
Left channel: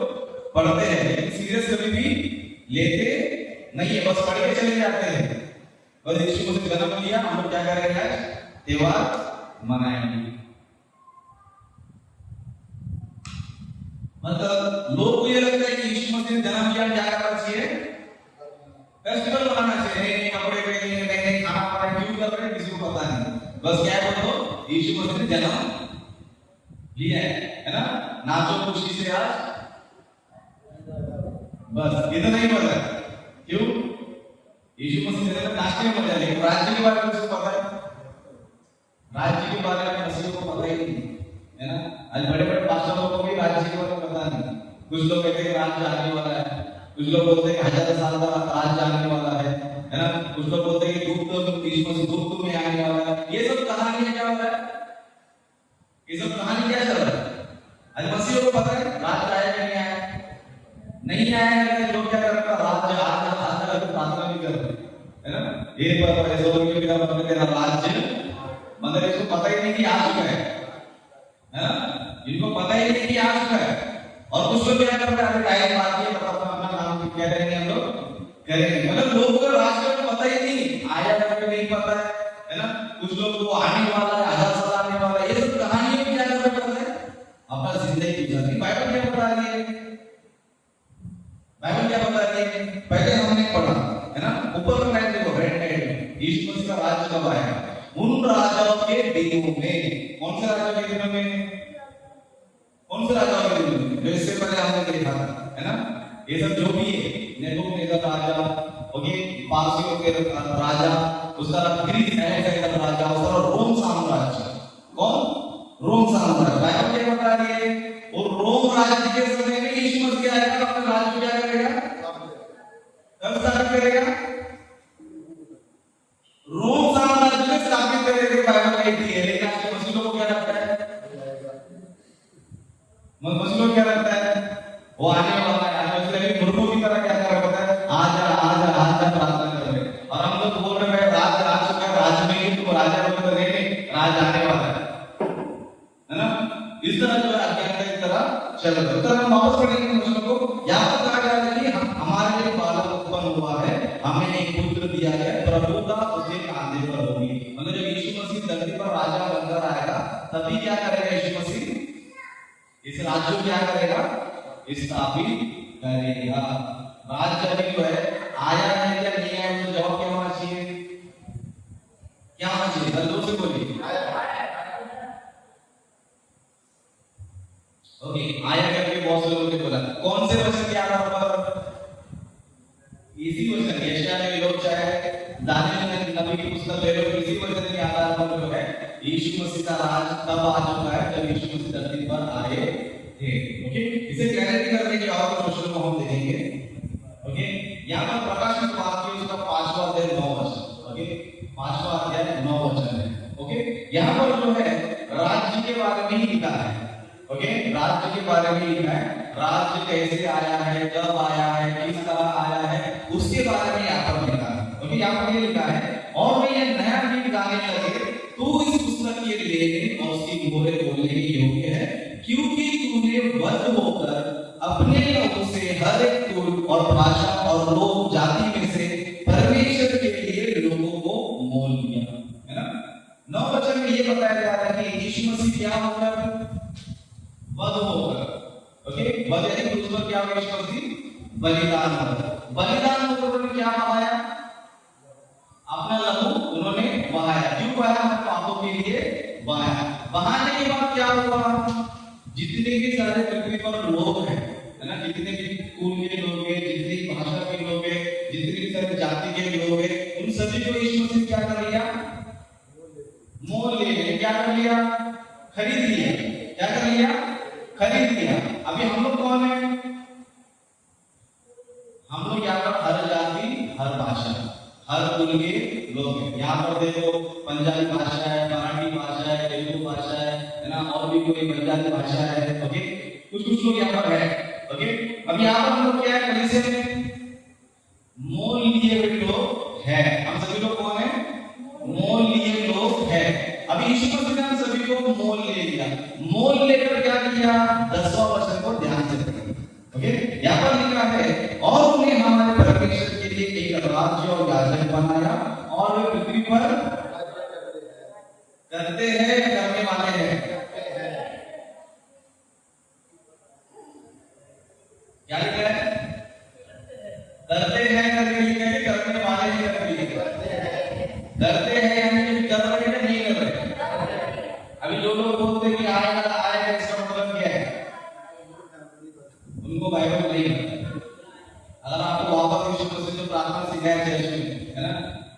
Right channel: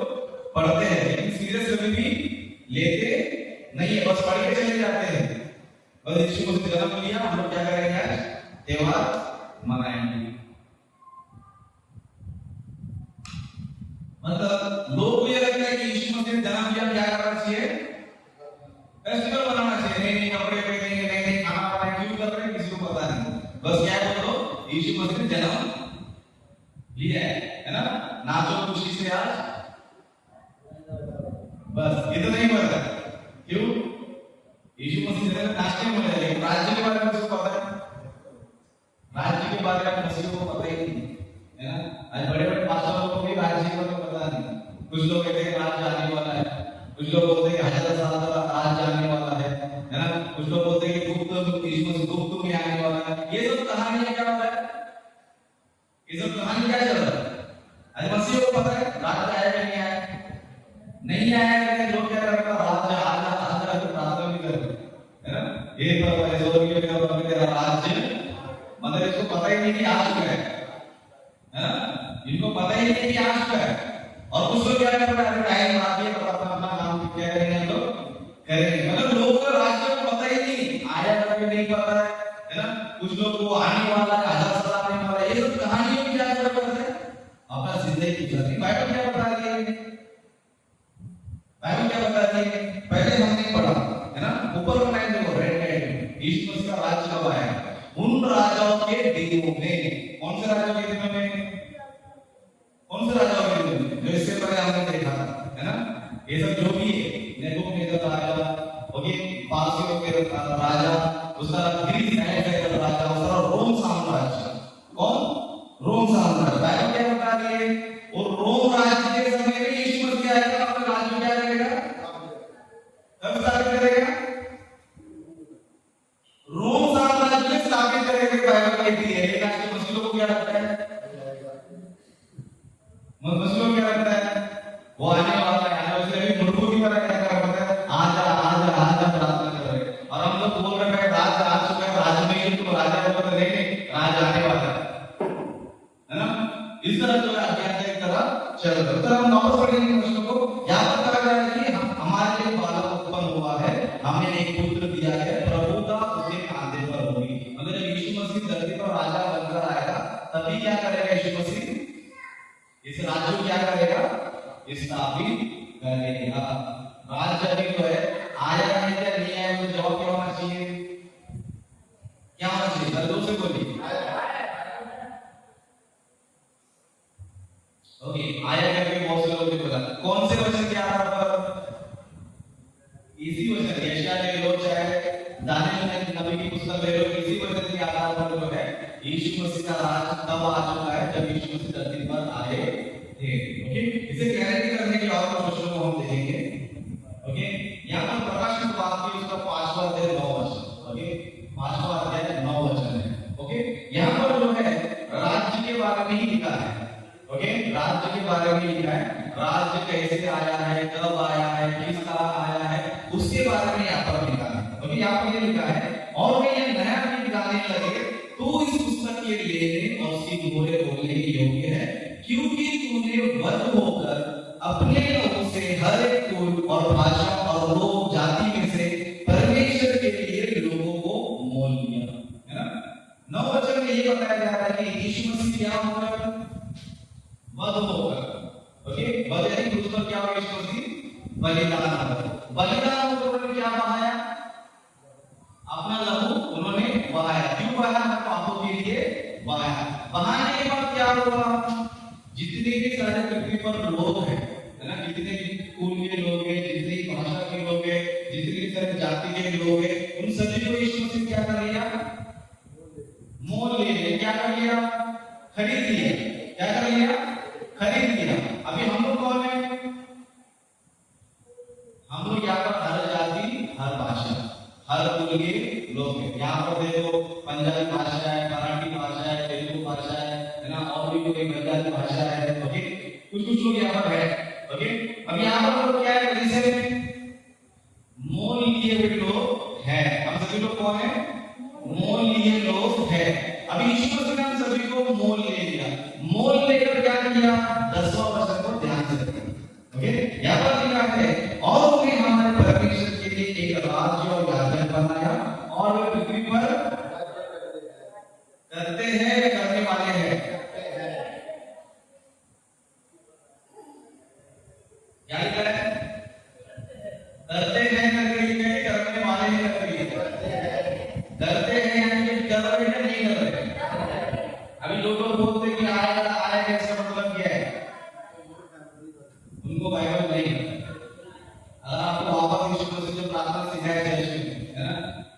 पढ़ते हैं, लेकिन सीरियस कभी भी लेते नहीं है, बस पढ़ के चले जाते हैं। बस यीशु मसीह जन्म लिया, हम लोग क्या करेंगे? आज त्योहार मनाएंगे। मतलब लोग को ये लगता है कि यीशु मसीह ने जन्म लिया, क्या करना चाहिए? फेस्टिवल मनाना चाहिए, नए कपड़े पहनेंगे, नए खाना बनाएंगे, क्यों कर रहे हैं किसी को पता नहीं। बस क्या बोलो, यीशु मसीह ने जन्म लिया है ना? नाचो खुशी से आज, बस इतना ही पता है। क्यों? यीशु मसीह ने नाचने को मिला, लेकिन राज्य के बारे में किसी को पता है? राज्य के बारे में किसी को पता ही नहीं है ना। आज बड़े बड़े पास्टरों को भी राज्य के बारे में पता नहीं। कुछ लोग कहते हैं राज्य आने वाला है, कुछ लोग बोलते हैं 1000 साल का राज्य आने वाला है ना। कुछ लोग बोलते हैं कि यीशु मसीह गुप्त में आने वाला है। ये सब कहानियां क्या होता है? ये सब कहानी क्या चल रहा है? आज मसीह को पता है राज्य आएगा नहीं आएगा, नहीं आएगा, लेकिन लोग क्या करते हैं? राज्य आज प्रार्थना भी करते हैं ना। ये पता है स्वर्गीय पिता परमेश्वर तेरा राज्य, मतलब इसको पता ही नहीं कि आज क्या है ना। इनको पता ही नहीं कि आज क्या है। और कुछ लोग क्या करते हैं? टाइम आती है तो अपना काम क्या करेंगे लोग करेंगे। मतलब लोगों को राज्य को पता ही नहीं, आया करके नहीं पता है ना। कुछ लोग वो आने वाला है, 1000 साल आने वाला है, ये सब कहानियां क्या करते हैं? अपना जिंदगी गुजारनी। बाइबल क्या बता रही है? बाइबल क्या बता रही है? पहले हमने पढ़ा है ना, ऊपर का लाइन देखो, रेड लाइन, यीशु मसीह का राज्य कब आया? उन राजाओं के दिनों में। कौन से राजाओं के दिनों में? कौन से राजाओं की जरूरत है? जो इससे पहले हमने देखा था, है ना? ये सब जो भी है, नेबूकदनेस्सर राजा, ओके, पारसियों के राजा, उसका ग्रीस एलेक्जेंडर राजा, उसका रोम साम्राज्य। कौन? रोम साम्राज्य। बाइबल क्या बता रही है? वो रोम राज्य के समय में यीशु मसीह आएगा, अपना राज्य क्या करेगा? कब स्थापित करेगा? रोम साम्राज्य में स्थापित करेगा। बाइबल कहती है। लेकिन आज के मसीहियों को क्या लगता है? मसीहियों को क्या लगता है? वो आने वाला है, आने वाले भी मुर्गों की तरह क्या कर रहा है? आज प्रार्थना कर रहे हैं। और हम लोग बोल रहे हैं राज आ चुका है, राज में ही तुम राजा हो तो नहीं, राज आने वाला है ना? इस तरह जो है अज्ञान की तरह चल रहा है। तो हम वापस पढ़ेंगे प्रश्न को। यहाँ पर कहा जा रहा है कि हमारे लिए बालक उत्पन्न हुआ है, हमें एक पुत्र दिया है, प्रभुता उसके कांधे पर होगी। मतलब जब यीशु मसीह धरती पर राजा बनकर आएगा, तभी क्या करेगा यीशु मसीह? इस राज्य को क्या करेगा? स्थापित करेगा। राज्य अभी जो है आया है या नहीं आया, तो जवाब क्या होना चाहिए? क्या होना चाहिए? दो से कोई ओके, आया करके बहुत से लोगों ने बोला। कौन से वचन के आधार पर? इसी वचन, यशायाह में लोग चाहे दानियल नबी की पुस्तक ले लो, इसी वचन के आधार पर जो है यीशु मसीह का राज तब आ चुका है जब यीशु मसीह धरती पर आए थे। ओके, इसे क्लैरिटी करने के और क्वेश्चन को हम देखेंगे। ओके, यहाँ पर प्रकाश की बात की, उसका 5वां अध्याय 9 वचन। ओके, 5वां अध्याय 9 वचन है। ओके, यहाँ पर जो है राज्य के बारे में ही लिखा है। ओके, राज्य के बारे में लिखा है। राज्य कैसे आया है, कब आया है, किस तरह आया है, उसके बारे में यहाँ पर लिखा है। ओके, यहाँ पर ये लिखा है, और वे ये नया गीत गाने लगे, तू इस पुस्तक के लेने और उसकी मोहरें बोलने के योग्य है, क्योंकि तूने वध होकर अपने लोगों से हर एक कुल और भाषा और लोक जाति में से परमेश्वर के लिए लोगों को मोल लिया। है ना? 9 वचन में ये बताया जा रहा है कि यीशु मसीह क्या होकर वध होकर, ओके, वध यानी क्रूस पर क्या हुआ? यीशु मसीह बलिदान हुआ। बलिदान होकर उन्होंने क्या बहाया? अपना लहू उन्होंने बहाया। क्यों बहाया? पापों के लिए बहाया। बहाने के बाद क्या हुआ? जितने भी सारे पृथ्वी पर लोग हैं, है ना, जितने भी कुल के लोग हैं, जितनी भाषा के लोग हैं, जितनी भी सारे जाति के लोग हैं, उन सभी को यीशु मसीह क्या कर लिया? मोल ले लिया। क्या कर लिया? खरीद लिया। क्या कर लिया? खरीद लिया। अभी हम लोग कौन है? हम लोग यहाँ पर हर जाति, हर भाषा, हर कुल के लोग हैं। यहाँ पर देखो पंजाबी भाषा है, मराठी भाषा है, तेलुगु भाषा है ना, और भी कोई बंगाली भाषा है। ओके, कुछ कुछ लोग यहाँ पर है। ओके, अब यहाँ पर लोग क्या है? कैसे मोल लिए हुए लोग हैं। हम सभी लोग कौन है? मोल लिए लोग हैं। अभी यीशु मसीह ने हम सभी को मोल ले लिया। मोल लेकर क्या किया? 10वां वचन को ध्यान से देखिए। ओके, यहाँ पर लिखा है, और उन्हें हमारे परमेश्वर के लिए एक राज्य और याजक बनाया, और वे पृथ्वी पर करते हैं, करने वाले हैं। क्या लिखा है? करते हैं करके लिखा है, करने वाले हैं करके लिखा है। करते हैं यानी कर रहे हैं, नहीं कर रहे। अभी जो लोग बोलते हैं कि आएगा आएगा, इसका मतलब क्या है? उनको बाइबल नहीं पता। अगर आपको वापस यीशु मसीह से प्रार्थना सिखाया चर्च में, है ना,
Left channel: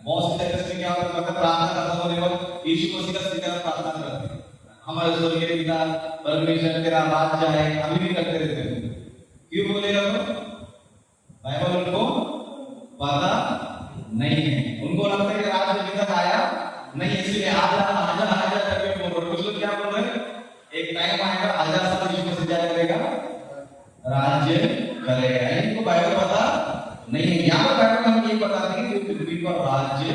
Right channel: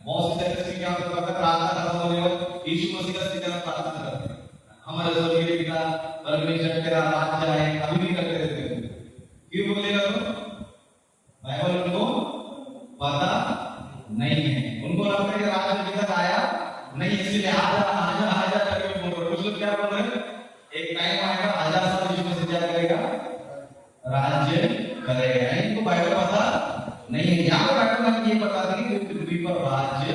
बहुत से चर्च में क्या होता है? प्रार्थना खत्म होने पर यीशु मसीह का सिखाया प्रार्थना करते हैं, हमारे स्वर्गीय पिता परमेश्वर तेरा राज्य आए, अभी भी करते रहते हैं। क्यों बोलेगा वो? बाइबल उनको पता नहीं है। उनको लगता है कि राज्य अभी तक आया नहीं, इसलिए आजा आजा आजा करके बोल रहे। कुछ लोग क्या बोल रहे हैं? एक टाइम आएगा 1000 साल यीशु मसीह क्या करेगा? राज्य करेगा। इनको बाइबल पता नहीं है। यहाँ पर बाइबल में ये बताते हैं कि पृथ्वी पर राज्य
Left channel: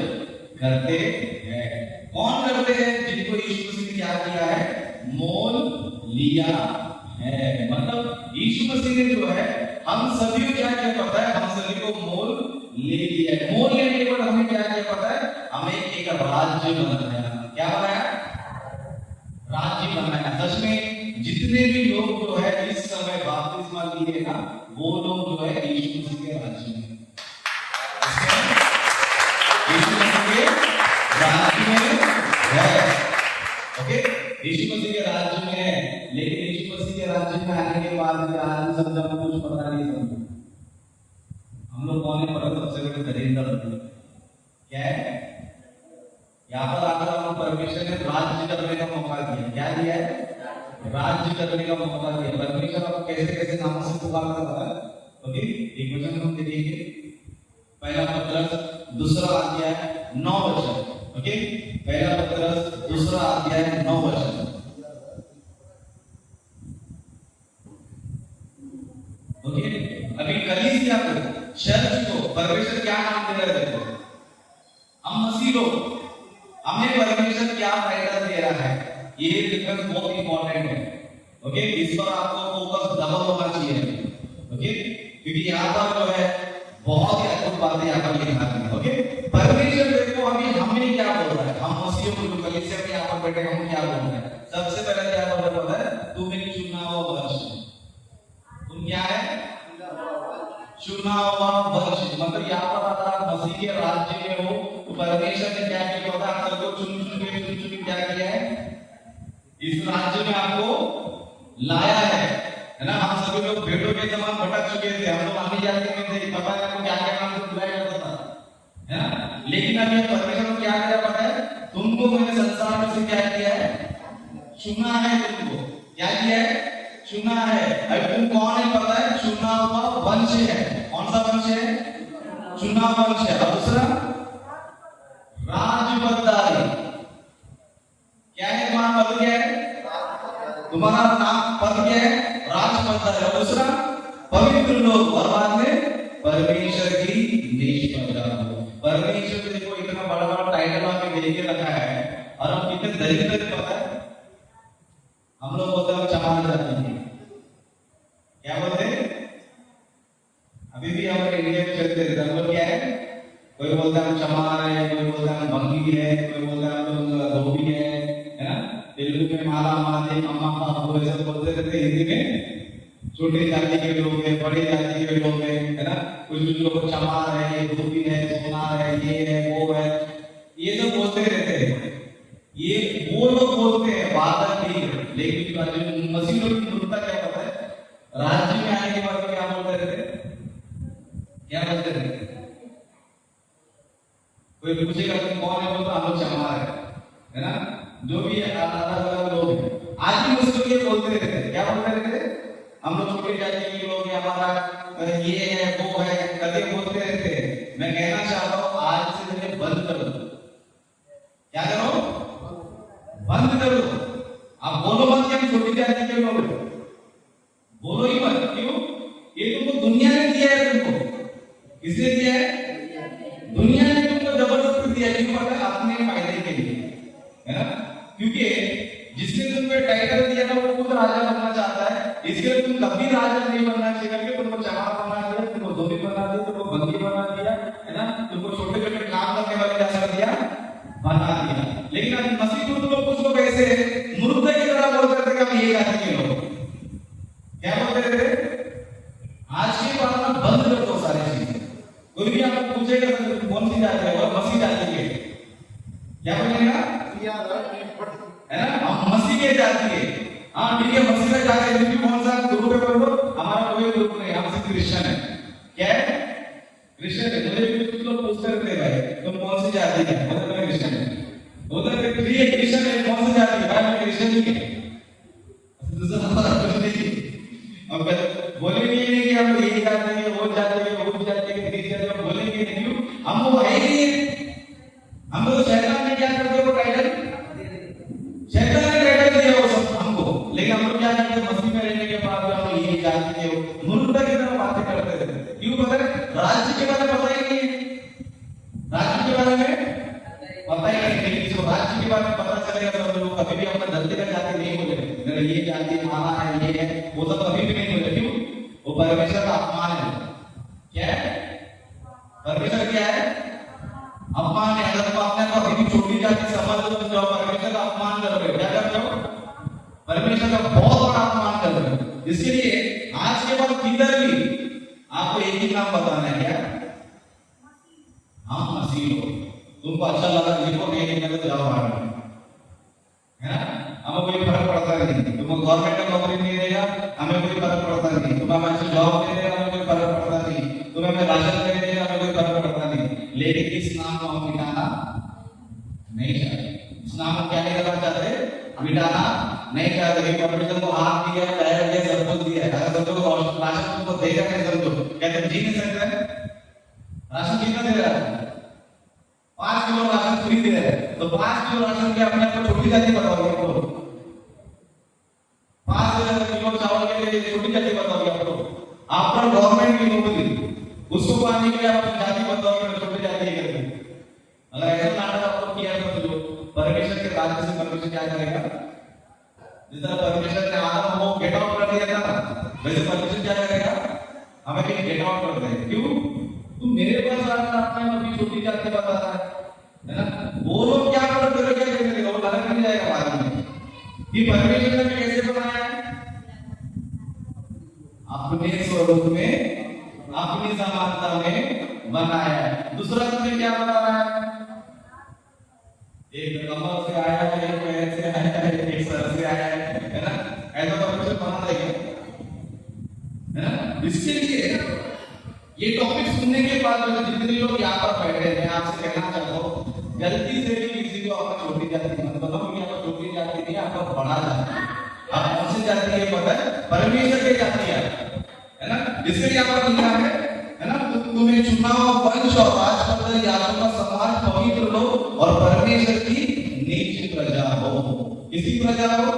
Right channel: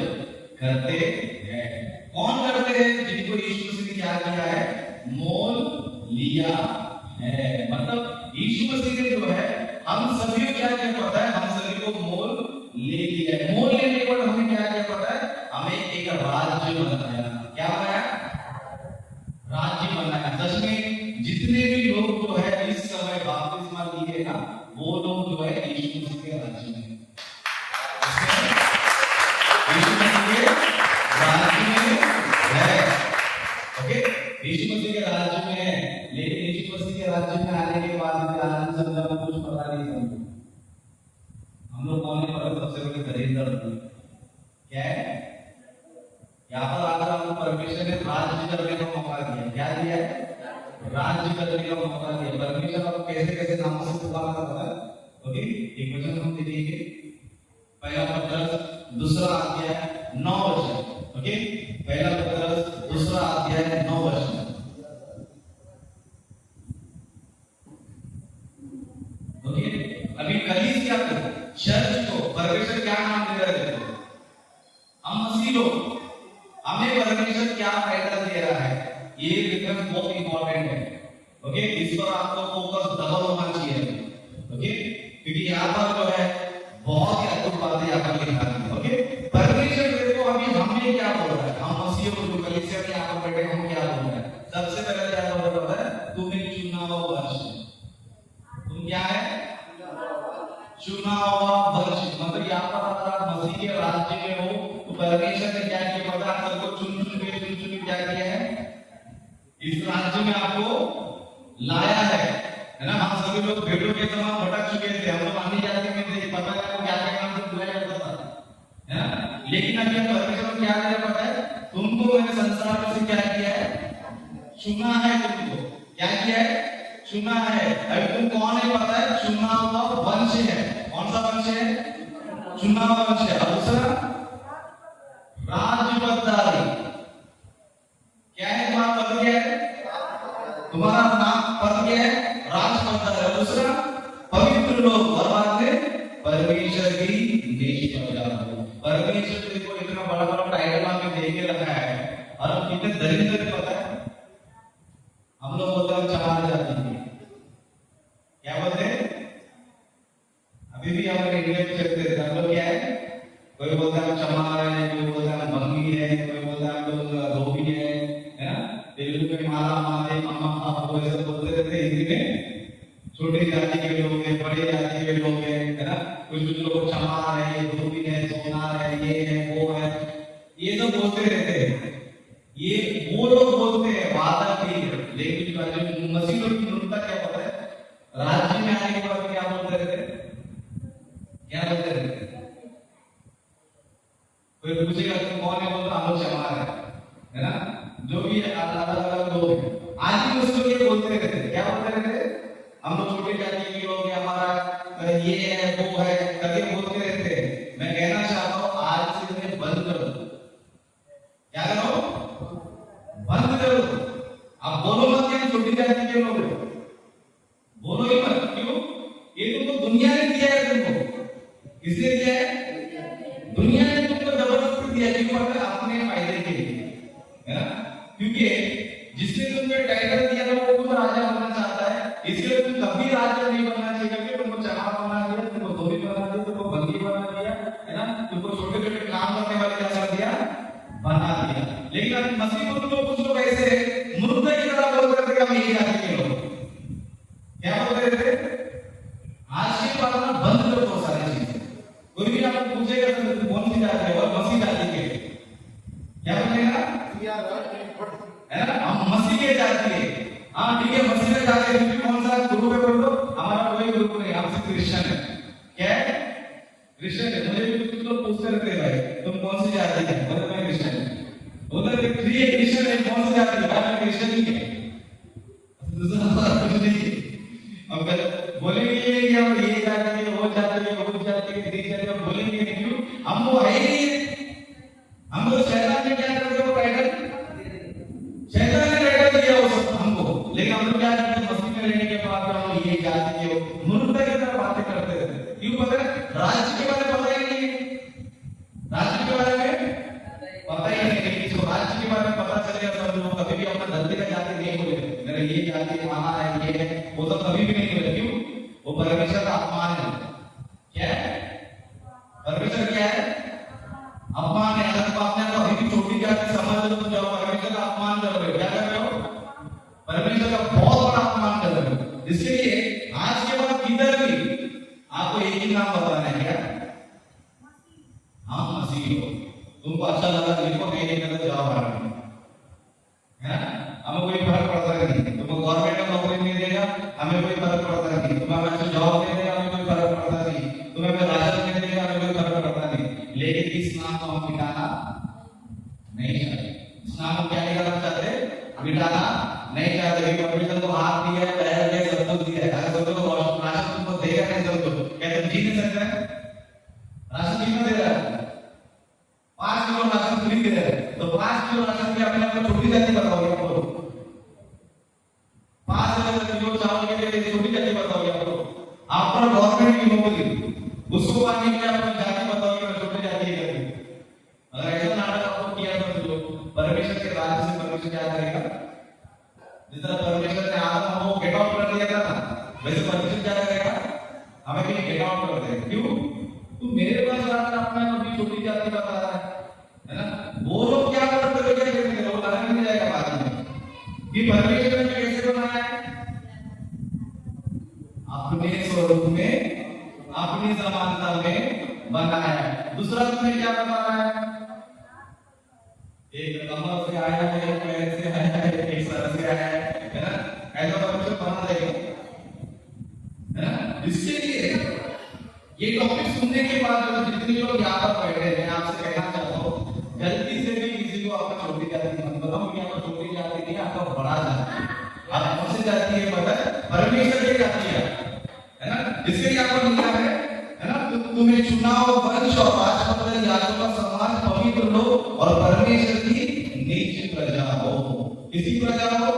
करते हैं। कौन करते हैं? जिनको यीशु मसीह ने क्या किया है? मोल लिया है। मतलब यीशु मसीह ने जो है हम सभी को क्या किया पता है? हम सभी को मोल ले लिया है। मोल लेने के बाद हमें क्या किया पता है? हमें एक राज्य बनाया। क्या बनाया? राज्य बनाया। सच में जितने भी लोग जो है इस समय बपतिस्मा लिए ना, वो लोग जो है यीशु मसीह के राज्य में, यीशु मसीह के राज्य में है। ओके, यीशु मसीह के राज्य में है। लेकिन यीशु मसीह के इसके राज्य में आने के बाद आज समझा कुछ पता नहीं समझा। हम लोग कौन है पर सबसे बड़े दरिद्र क्या है? यहाँ पर आकर हमको परमेश्वर ने राज्य करने का मौका दिया। क्या दिया है? राज्य करने का मौका दिया। परमेश्वर आपको कैसे कैसे नामों से पुकारा है। ओके, एक वचन हम देखेंगे, पहला पत्रस दूसरा अध्याय 9 वचन। ओके, पहला पत्रस दूसरा अध्याय 9 वचन। ओके, अभी कलीसिया को, चर्च को परमेश्वर क्या नाम दे रहे थे? हम मसीह लोग, हमें परमेश्वर क्या टाइटल दे रहा है, ये डिफरेंस बहुत इंपॉर्टेंट है। ओके, इस पर आपको फोकस डबल होना चाहिए। ओके, क्योंकि यहाँ पर जो है बहुत ही अद्भुत बातें यहाँ पर लिखा है। ओके, परमेश्वर देखो अभी हमें क्या बोल रहा है, हम मसीह को कलीसिया में यहाँ पर बैठे हम क्या बोल रहे हैं? सबसे पहले क्या बोल रहा है? तू मेरी चुना हुआ वंश, तुम क्या है? चुना हुआ वंश। मतलब यहाँ पर अगर आप मसीह के राज्य में हो तो परमेश्वर ने क्या किया होगा? आप सबको चुन चुन के क्या किया है? इस राज्य में आपको लाया है ना। हम सभी लोग भेड़ों के समान भटक चुके थे, हम लोग आने जाते में थे, पता नहीं आपको क्या क्या नाम से बुलाया जाता था, है ना। लेकिन अभी परमेश्वर को क्या करा पता है? तुमको मैंने संसार से क्या किया है? चुना है। तुमको क्या किया है? चुना है। अभी तुम कौन है पता है? चुना हुआ वंश है। कौन सा वंश है? चुना हुआ वंश है। दूसरा राजपदारी। क्या है तुम्हारा पद? क्या है तुम्हारा नाम? पद क्या है? राजपदारी। दूसरा पवित्र लोग, और बाद में परमेश्वर की निष्ठा। परमेश्वर ने को इतना बड़ा बड़ा टाइटल हमें दे के रखा है, और हम कितने दरिद्र पता है? हम लोग बोलते हैं चमार जाति है। क्या बोलते हैं? अभी भी हम इंडिया में चलते थे, हम लोग क्या है? कोई बोलता है चमार है, कोई बोलता है बंगी है, कोई बोलता है धोबी है ना। तेलुगु में माला माला मामा बाबू ऐसे बोलते रहते। हिंदी में छोटे जाति के लोग हैं, बड़े जाति के लोग हैं, है ना। कुछ लोग चमार है, धोबी है, सोनार है, ये है वो है, ये सब बोलते रहते हैं। ये वो लोग बोलते हैं, बात नहीं है। लेकिन मसीह लोग की मूर्खता क्या पता है? राज्य में आने के बाद क्या बोलते रहते? क्या बोलते रहते? कोई पूछेगा तुम कौन है, बोलते हम लोग चमार है ना। जो भी अलग अलग लोग हैं, आज भी मुझसे ये बोलते रहते हैं। क्या बोलते रहते? हम लोग छोटे जाति के लोग हैं, हमारा ये है वो है, कभी बोलते रहते हैं। मैं कहना चाहता हूँ आज से इन्हें बंद करो। क्या करो? बंद करो। आप बोलो मत कि हम छोटी जाति के लोग हैं, बोलो ही मत। क्यों? ये तुमको दुनिया ने दिया है। तुमको किसने दिया है? दुनिया ने तुमको जबरदस्ती दिया। क्यों? पता? अपने फायदे के लिए, है ना। क्योंकि जिसने तुमको टाइटल दिया था वो खुद राजा बनना चाहता है, इसलिए तुम कभी राजा नहीं बनना चाहिए करके तुमको चमार बना दिया, तुमको धोबी बना दिया, तुमको बंदी बना दिया, है ना। तुमको छोटे छोटे काम करने वाले क्या कर दिया? बना दिया। लेकिन आज मसीह को तो कुछ लोग ऐसे मूर्ख की तरह बोल करते कि हम ये जाति के लोग। क्या बोलते थे? आज के बाद में बंद करो वो सारी चीजें। कोई भी आपको पूछेगा तुम कौन सी जाति है, और मसीह जाति के, क्या बोलेगा? है ना, हम मसीह के जाति है। हाँ ठीक है, मसीह में जाते हैं। तुम कौन सा गुरु है बोलो? हमारा कोई गुरु नहीं, हम सिर्फ क्रिश्चियन है। क्या है? क्रिश्चियन है। मुझे भी कुछ लोग पूछते रहते हैं भाई तुम कौन सी जाति है, बोलते मैं क्रिश्चियन है। बोलते हैं प्रिय क्रिश्चियन है, कौन सी जाति है? भाई मैं क्रिश्चियन ही है। अब बोलेंगे कि हम ये जाति है, वो जाति है, वो जाति है, क्रिश्चियन है, बोलेंगे नहीं। क्यों? हम वो है ही नहीं। हम लोग शैतान ने क्या करते हैं? वो टाइटल शैतान ने टाइटल दिया वो सब हमको। लेकिन हम लोग क्या करते हैं? मसीह में रहने के बाद हम ये जाति के मूर्खता की तरह बातें करते रहते हैं। क्यों? पता है? राज्य के बारे में पता ही नहीं है। राज्य के बारे में पता ही नहीं है। किसी को राज्य के बारे में पता चलेगा तो लोग कभी भी अपना धरती का जाति नहीं बोले, मेरा ये जाति आना है, ये है, वो तो कभी भी नहीं बोले। क्यों? वो परमेश्वर का अपमान है। क्या है? परमेश्वर क्या है? अपमान है। अगर तुम अपने को अभी छोटी जाति समझ लो तो जाओ परमेश्वर का अपमान कर रहे हो। क्या कर रहे हो? परमेश्वर का बहुत बड़ा अपमान कर रहे हो। इसके लिए आज के बाद किधर भी आपको एक ही नाम बताना है। क्या? हाँ मसीह हो। तुमको अच्छा लगा लिखो, नहीं लिखा तो जाओ, है ना। हमें कोई फर्क पड़ता नहीं। तुमको गवर्नमेंट का नौकरी नहीं देगा, हमें कोई फर्क पड़ता नहीं, तुम्हें अच्छी जॉब दे देगा हमें कोई फर्क पड़ता नहीं, तुम्हें हमें राशन दे देगा हमें कोई फर्क पड़ता नहीं, लेकिन इस नाम को हम मिटाना नहीं चाहते। इस नाम को क्या नहीं करना चाहते, मिटाना नहीं चाहते। क्योंकि परमेश्वर को हाथ दिया, पैर दिया, सब कुछ दिया है। अगर समझो तो राशन तुमको देगा नहीं, समझो कहते जी नहीं सकते हैं, राशन कितना दे रहा है, 5 किलो राशन फ्री दे रहा है, तो 5 किलो राशन की अपने आप को छोटी जाति बताओगे आपको, 5 किलो चावल के लिए छोटी जाति बताओगे आपको, आपका गवर्नमेंट की नौकरी उसको पाने के लिए आप जाति बताओगे मैं छोटी जाति है। अगर ऐसा नाटक आपको किया तो जो परमेश्वर के राज्य से परमेश्वर क्या करेगा, जिस तरह परमेश्वर ने आदम को गेट आउट कर दिया था वैसे परमेश्वर क्या करेगा, हमें भी गेट आउट कर देगा। क्यों, तू मेरे पास आकर अपने अपनी छोटी जाति बता रहा है ना, वो लोग क्या करेंगे, वो नरक में जाएगा बाद में। कि परमेश्वर ने कैसे बनाया है, अपने स्वरूप में अपनी समानता में बनाया है। दूसरा तुम्हें क्या बनाया है, एक कमर से आया है, एक पैर से आया है, एक सर से आया है ना, ऐसा परमेश्वर बना देगा है ना। इसके लिए ये टॉपिक सुनने के बाद जितने लोग यहाँ पर बैठे हैं, मैं आपसे कहना चाहता हूँ गलती से भी किसी को आपका छोटी जाति मत बताओ कि आपका छोटी जाति नहीं, आपका बड़ा जाति, आप कौन सी जाति है पता है, परमेश्वर की जाति है ना। इसके लिए आपको लिखा है ना, तुम्हें चुनाव वंश और राजपत्र याजकों का समान पवित्र लो और परमेश्वर की निज प्रजा हो। किसकी प्रजा हो,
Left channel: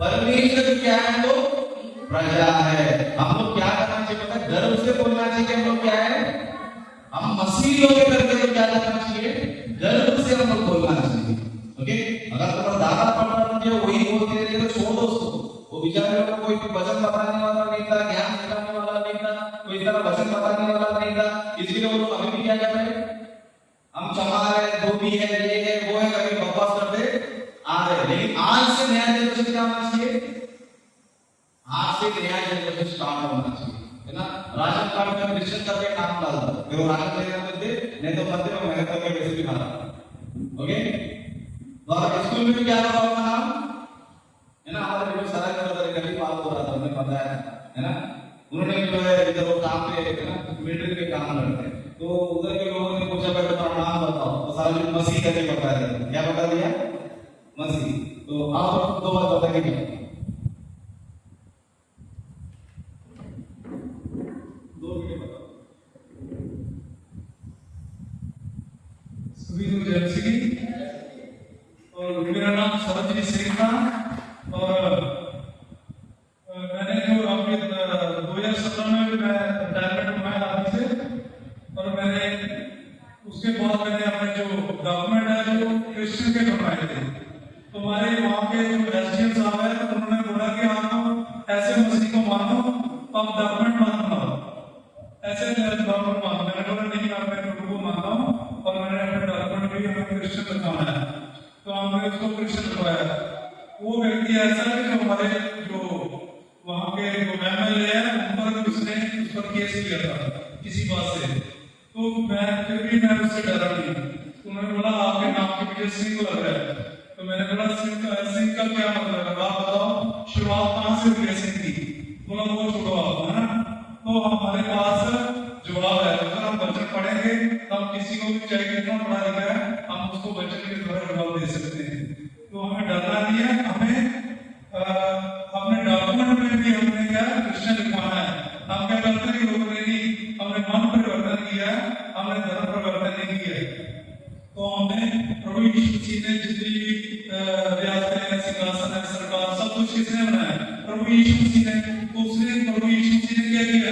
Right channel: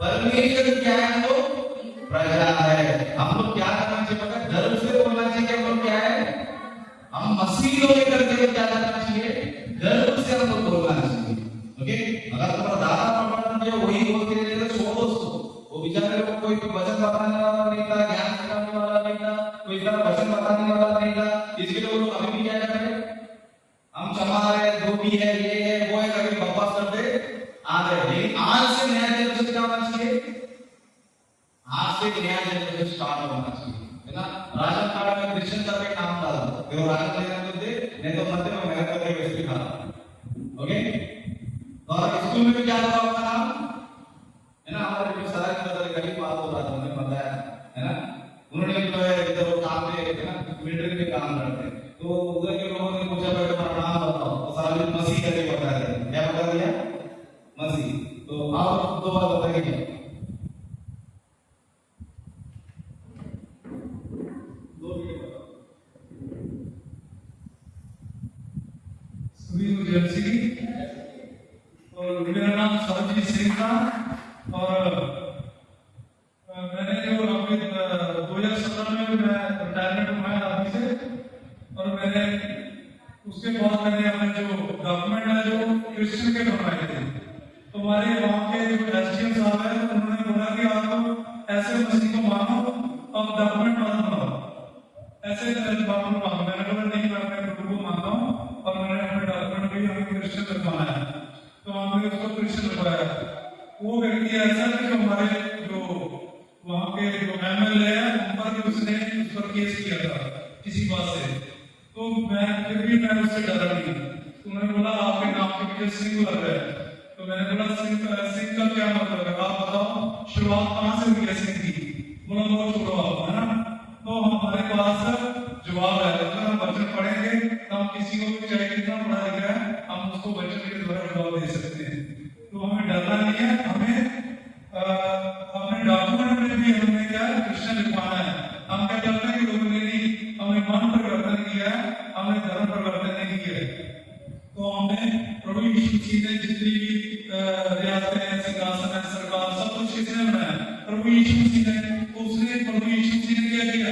परमेश्वर क्या है, तो प्रजा है। हम लोग क्या करना चाहिए पता है, गर्व से बोलना चाहिए कि हम लोग क्या है, हम मसीह लोग करके तो क्या करना चाहिए, गर्व से हम लोग बोलना चाहिए। ओके, अगर तुम्हारा दादा पढ़ना चाहिए वही बोलते रहे तो छोड़ दो उसको, वो बेचारे को कोई वचन बताने वाला नहीं था, ज्ञान सिखाने वाला नहीं था, कोई तरह वचन बताने वाला नहीं था, इसलिए वो लोग अभी भी क्या कर रहे हैं, हम चमा रहे, धोबी है, ये है वो है, कभी बकवास करते आ रहे। लेकिन आज से नया जनरेशन क्या होना चाहिए, आज से नया जनरेशन स्टार्ट होना चाहिए है ना। राशन कार्ड में क्रिश्चियन का भी नाम डाल दो, देखो राशन लेकर के दे, नहीं तो मंदिर में मेहनत करके वैसे भी खाना। ओके, और स्कूल में क्या होगा आपका नाम है ना, हमारे जो सारा का कभी बात हो रहा था उन्हें बताया है ना, उन्होंने जो है इधर वो काम पे है ना, मिलिट्री में काम करते हैं, तो उधर के लोगों ने पूछा भाई तुम्हारा नाम बताओ, तो सारे मसीह करके बता दिया। क्या बता दिया, मसीह। तो आप दो बार बताइए, और मेरा नाम सरजीत सिंह था, और मैंने जो अभी 2017 में मैं रिटायरमेंट हुआ है आर्मी से, और मैंने उसके बाद मैंने अपने जो डॉक्यूमेंट है जो क्रिश्चियन के बनवाए थे, तो हमारे वहाँ के जो एसडीएम साहब है उन्होंने बोला कि आप ऐसे मसीह को मानो, आप डॉक्यूमेंट मत बनाओ, ऐसे डॉक्यूमेंट मानो। मैंने बोला नहीं, मैं प्रभु को मानता हूँ और मैंने अपने डॉक्यूमेंट भी हमें क्रिश्चियन बनवाना है, तो हमने उसको क्रिश्चियन बनवाया। वो व्यक्ति ऐसा है जो हमारे जो वहाँ के जो एमएलए है उन पर उसने उस पर केस किया था किसी बात से, तो मैं फिर भी मैं उससे डरा नहीं। तो उन्होंने बोला आपके नाम के पीछे सिंह लग रहा है, तो मैंने बोला सिंह का क्या मतलब है, आप बताओ शुरुआत कहाँ से हुई है सिंह की, बोला वो छोड़ो आप है ना। तो हमारे पास जवाब है, अगर हम वचन पढ़ेंगे हम किसी को भी चाहे कितना पढ़ा लिखा है हम उसको वचन के द्वारा जवाब दे सकते हैं। तो हमें डरना नहीं है, हमें अपने डॉक्यूमेंट में भी हमने क्या क्रिश्चियन लिखवाना है। हम क्या करते हैं कि लोगों ने नहीं, हमने मन परिवर्तन किया है, हमने धर्म परिवर्तन नहीं किया है। तो हमने प्रभु यीशु मसीह ने जितनी भी रियासतें सिंहासन है सरकार सब कुछ किसने बनाया, प्रभु यीशु मसीह ने। तो उसने प्रभु यीशु मसीह ने क्या किया,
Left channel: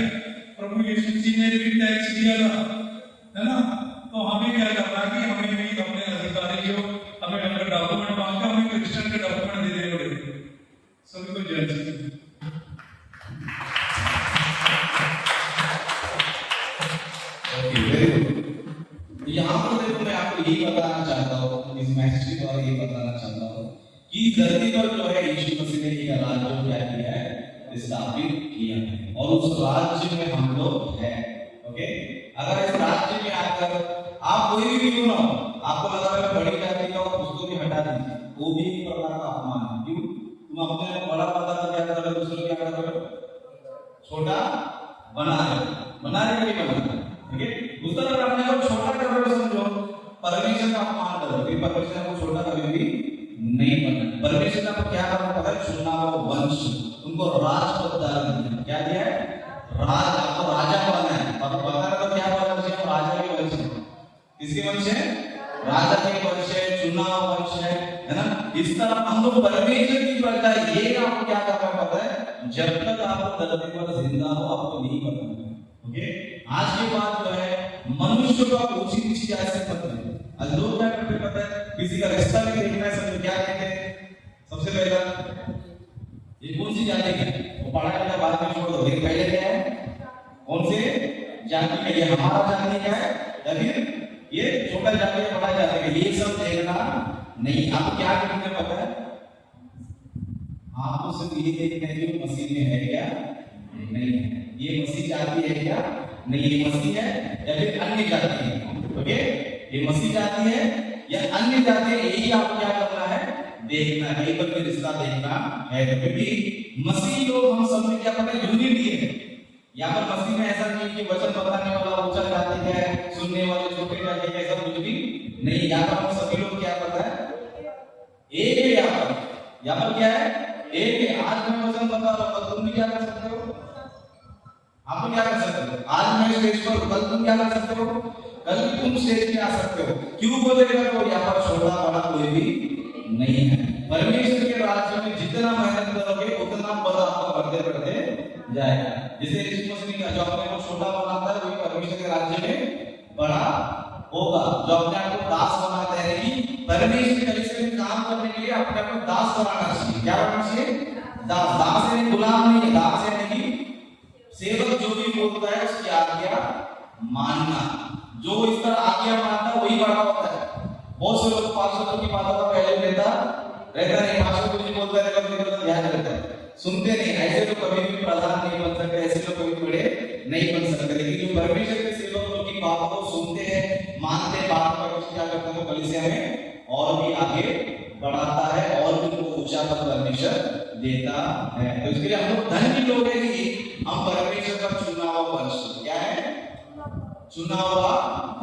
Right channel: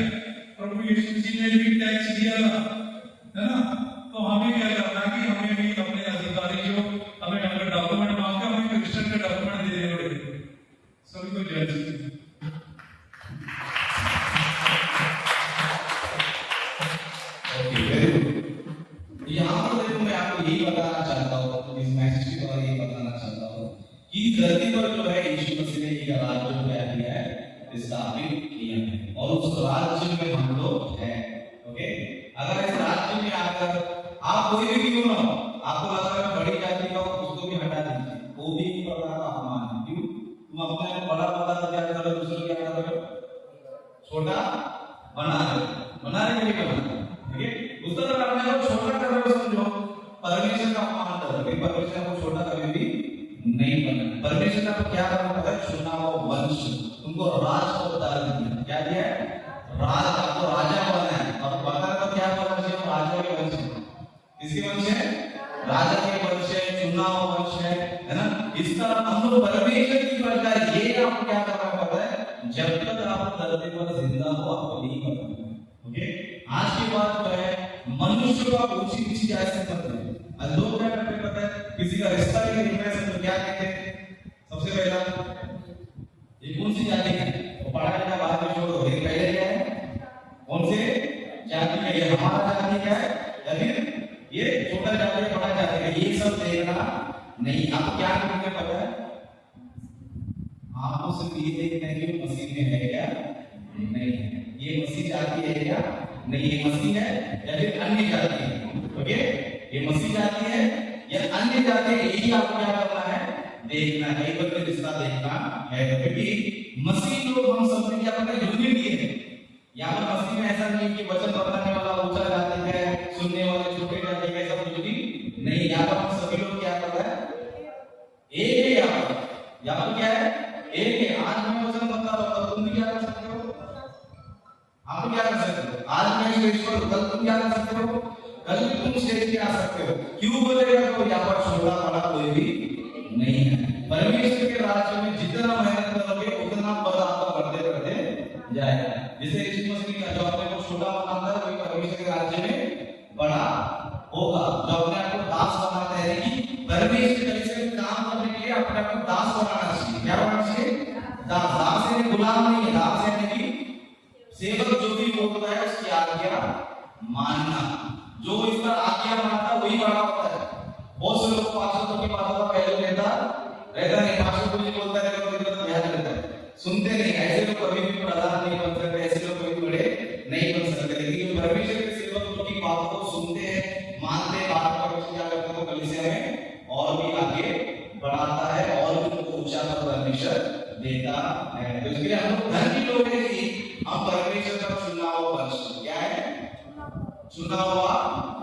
प्रभु यीशु मसीह ने भी टैक्स दिया है ना। तो हमें क्या करना है कि हमें भी अपने अधिकारी जो हमें अगर डॉक्यूमेंट मांगते हैं हमें क्रिश्चियन के डॉक्यूमेंट दे देने पड़ेंगे। सभी को जय Shri Krishna. Okay, very good. यहाँ पर देखो मैं आपको यही बताना चाहता हूँ, इस मैसेज के द्वारा यही बताना चाहता हूँ कि धरती पर जो है यीशु मसीह ने एक राज्य जो क्या किया है, स्थापित किया है, और उस राज्य में हम लोग हैं। ओके, अगर इस राज्य में आकर आप कोई भी क्यों ना हो, आपको लग रहा है बड़ी जाति का उसको भी हटा दीजिए, वो भी नहीं प्रकार का अपमान है। क्यों, तुम अपने बड़ा पता तो क्या कर रहे हो, दूसरों छोटा बना रहे कि नहीं बना रहे? ठीक है, उस तरह अपने को छोटा कर रहे हो, समझो परमेश्वर का अपमान कर रहे हो, परमेश्वर को छोटा कभी भी नहीं करना। परमेश्वर ने आपको क्या करना पता है? चुना हुआ वंश, उनको राज को दिया। क्या दिया है? राज, आपको राजा बनना है। और पता है तो क्या वंश है? राजा के वंश है। किसके वंश है? राजा के वंश है, चुना हुआ वंश है ना? इस तरह हम लोग परमेश्वर की प्रजा, ये आपको क्या करना पता है? जब तक आप धरती पर जिंदा हो आपको नहीं पता। ओके, आज की बात जो है मनुष्य का ऊंची नीची जायज करते हैं। आज लोग क्या करते हैं पता है? किसी का रिश्ता भी देखना है तो क्या कहते हैं? सबसे पहला ये कौन सी जाति है वो पढ़ा करके बाद में छोड़ दो, लेकिन पहले क्या है? कौन से जाति का? ये हमारा जाति का है या फिर ये छोटा जाति है, बड़ा जाति है? ये सब देखना नहीं। आपको क्या करना पता है? आपको सिर्फ ये देखना है कि मसीह में है क्या नहीं है, ये मसीह जाति है क्या नहीं, ये मसीह है या फिर अन्य जाति है। ओके, ये मसीह जाति है या अन्य जाति है, यही आपको क्या करना है? देखना है, एक बार रिश्ता देखना है। क्योंकि मसीह लोग हम सब में क्या पता है? यूनिट ये है। यहाँ पर मसीह में ऐसा नहीं कि वचन बताने वाला ऊंचा जाति है, सुनने वाले छोटे जाति है, ऐसा कुछ भी नहीं। यहाँ पर हम सभी लोग क्या करता है? एक है। यहाँ पर क्या है? एक है। आज मैं वचन बता रहा हूं, तुम भी क्या कर सकते हो? आप क्या कर सकते हो? आज मैं स्टेज पर, कल तुम क्या कर सकते हो? कल तुम स्टेज पे आ सकते हो। क्यों बोलेगा? तो यहाँ पर छोटा बड़ा कोई भी नहीं है। परमेश्वर के राज्य में जितना मेहनत करोगे उतना बड़ा आपका बढ़ते बढ़ते जाएगा। जैसे यीशु मसीह का जो अपने को छोटा बनाता है, वही परमेश्वर के राज्य में बड़ा होगा। जो अपने आप को दास बनाता है कि परमेश्वर के लिए काम करने के लिए अपने आप को दास बनाना चाहिए। क्या बनाना चाहिए? दास। दास यानी गुलाम नहीं है, दास यानी कि सेवक जो भी बोलता है उसकी आज्ञा मानना। जो इस पर आज्ञा मानता है वही बड़ा होता है। बहुत से लोग 500 की बातों का पहले रहता नहीं, 500 कुछ बोलता है लेकिन ध्यान रखता है, सुनते नहीं। ऐसे लोग कभी भी प्रधान नहीं बन सकते, ऐसे लोग कभी बड़े नहीं बन सकते। लेकिन जो परमेश्वर के सेवक की बात को सुनते हैं, मानते हैं, बात पर क्या करते हैं? कलीसिया में और भी आगे बढ़ाता है और भी उनको ऊंचा पद परमेश्वर देता है। तो इसके लिए हम लोग धन्य लोग हैं कि हम परमेश्वर का चुना हुआ वंश। क्या है? चुना हुआ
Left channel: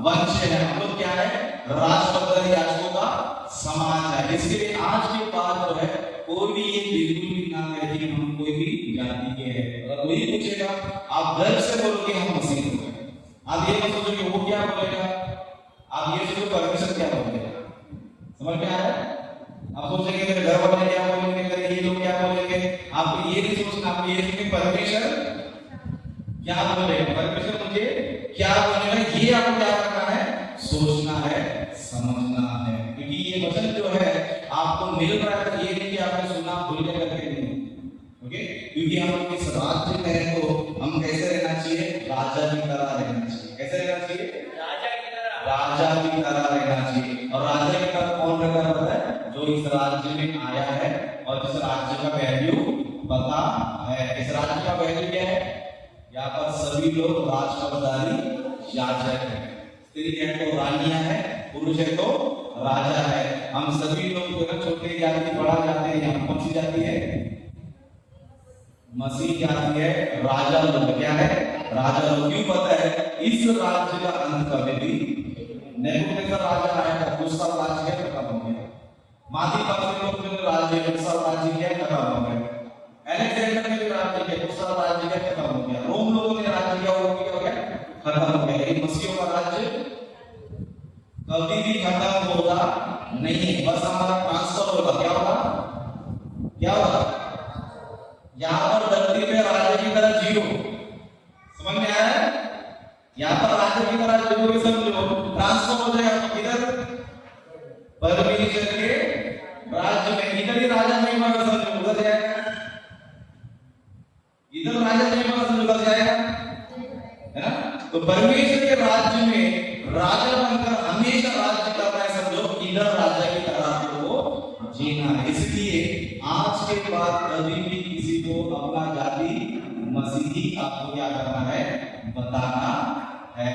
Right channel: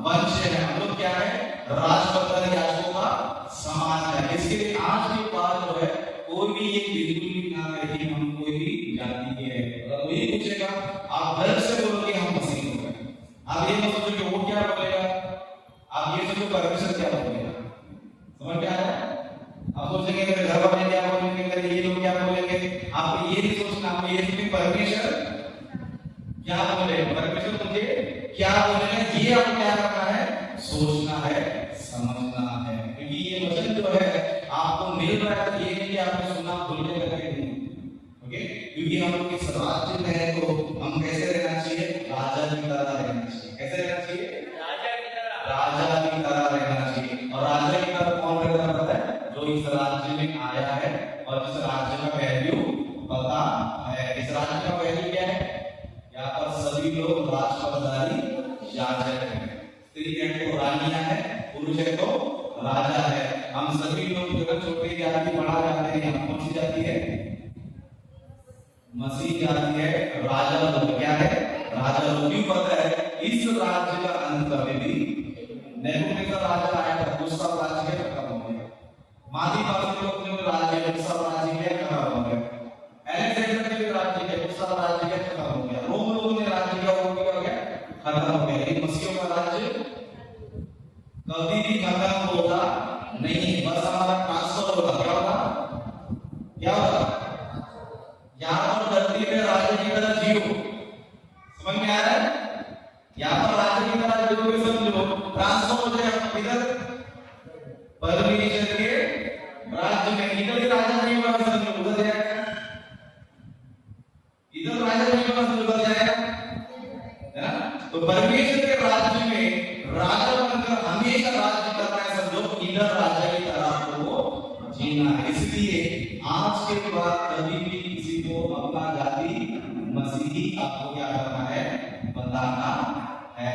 वंश है। हम लोग क्या है? राजपद याजकों का समान है। इसके लिए आज के बाद जो है कोई भी ये बिल्कुल भी ना कहे कि हम कोई भी जाति के हैं। अगर कोई पूछेगा आप गर्व से बोलोगे हम मसीह लोग हैं। आप ये मत सोचो कि वो क्या बोलेगा, आप ये सोचो परमेश्वर क्या बोलेगा। समझ में आ रहा है? आप सोचेंगे मेरे घर वाले क्या बोलेंगे, मेरे ये लोग क्या बोलेंगे। आपको ये नहीं सोचना, आपको ये सोचना परमेश्वर क्या बोलेगा, परमेश्वर मुझे क्या बोलेगा, ये आपको क्या करना है? सोचना है, समझना है। क्योंकि ये वचन जो है आपको मिल रहा है, तो ये नहीं कि आपने सुना भूलने लगे नहीं। ओके, क्योंकि हम लोग इस राज्य में हैं तो हम कैसे रहना चाहिए? राजा की तरह रहना चाहिए। कैसे रहना चाहिए? राजा की तरह रहना चाहिए। और राजा की तरह कौन रहना पता है? जो इस राज्य में आया है और इस राज्य का वैल्यू पता है। इस राज्य का वैल्यू क्या है? यहाँ पर सभी लोग राजपदारी याजक है। स्त्री है तो रानियां है, पुरुष है तो राजा है। हम सभी लोग छोटे जाति बड़ा जाति है, हम कौन सी जाति है? मसीह जाति है, राजा लोग। क्या है? राजा लोग। क्यों पता है? इस राज्य का अंत कभी भी नेबूकदनेस्सर राजा आया था, दूसरा राज्य है खत्म हो गया। मादी पास लोग जो राज्य है, दूसरा राज्य है खत्म हो गया। अलेक्जेंडर के राज्य है, दूसरा राज्य है खत्म हो गया। रोम लोगों ने राज्य किया, वो भी हो गया खत्म हो गया। लेकिन मसीहों का राज्य कभी भी खत्म होगा नहीं, बस हमारा ट्रांसफर होगा। क्या होगा? क्या होगा? यहाँ पर धरती में राज्य की तरह जियो। समझ में आया है? यहाँ पर राज्य की तरह जियो, समझो ट्रांसफर हो जाएगा इधर परमेश्वर के राज्य में। इधर ही राजा नहीं बना, समझो उधर जाएगा। इधर राजा नहीं बना, समझो उधर जाएगा, है ना? तो परमेश्वर के राज्य में राजा बनकर हमेशा राज्य करना है, समझो इधर राजा की तरह आपको जीना है। इसलिए आज के बाद कभी भी किसी को अपना जाति मसीही आपको क्या करना है? बताना है।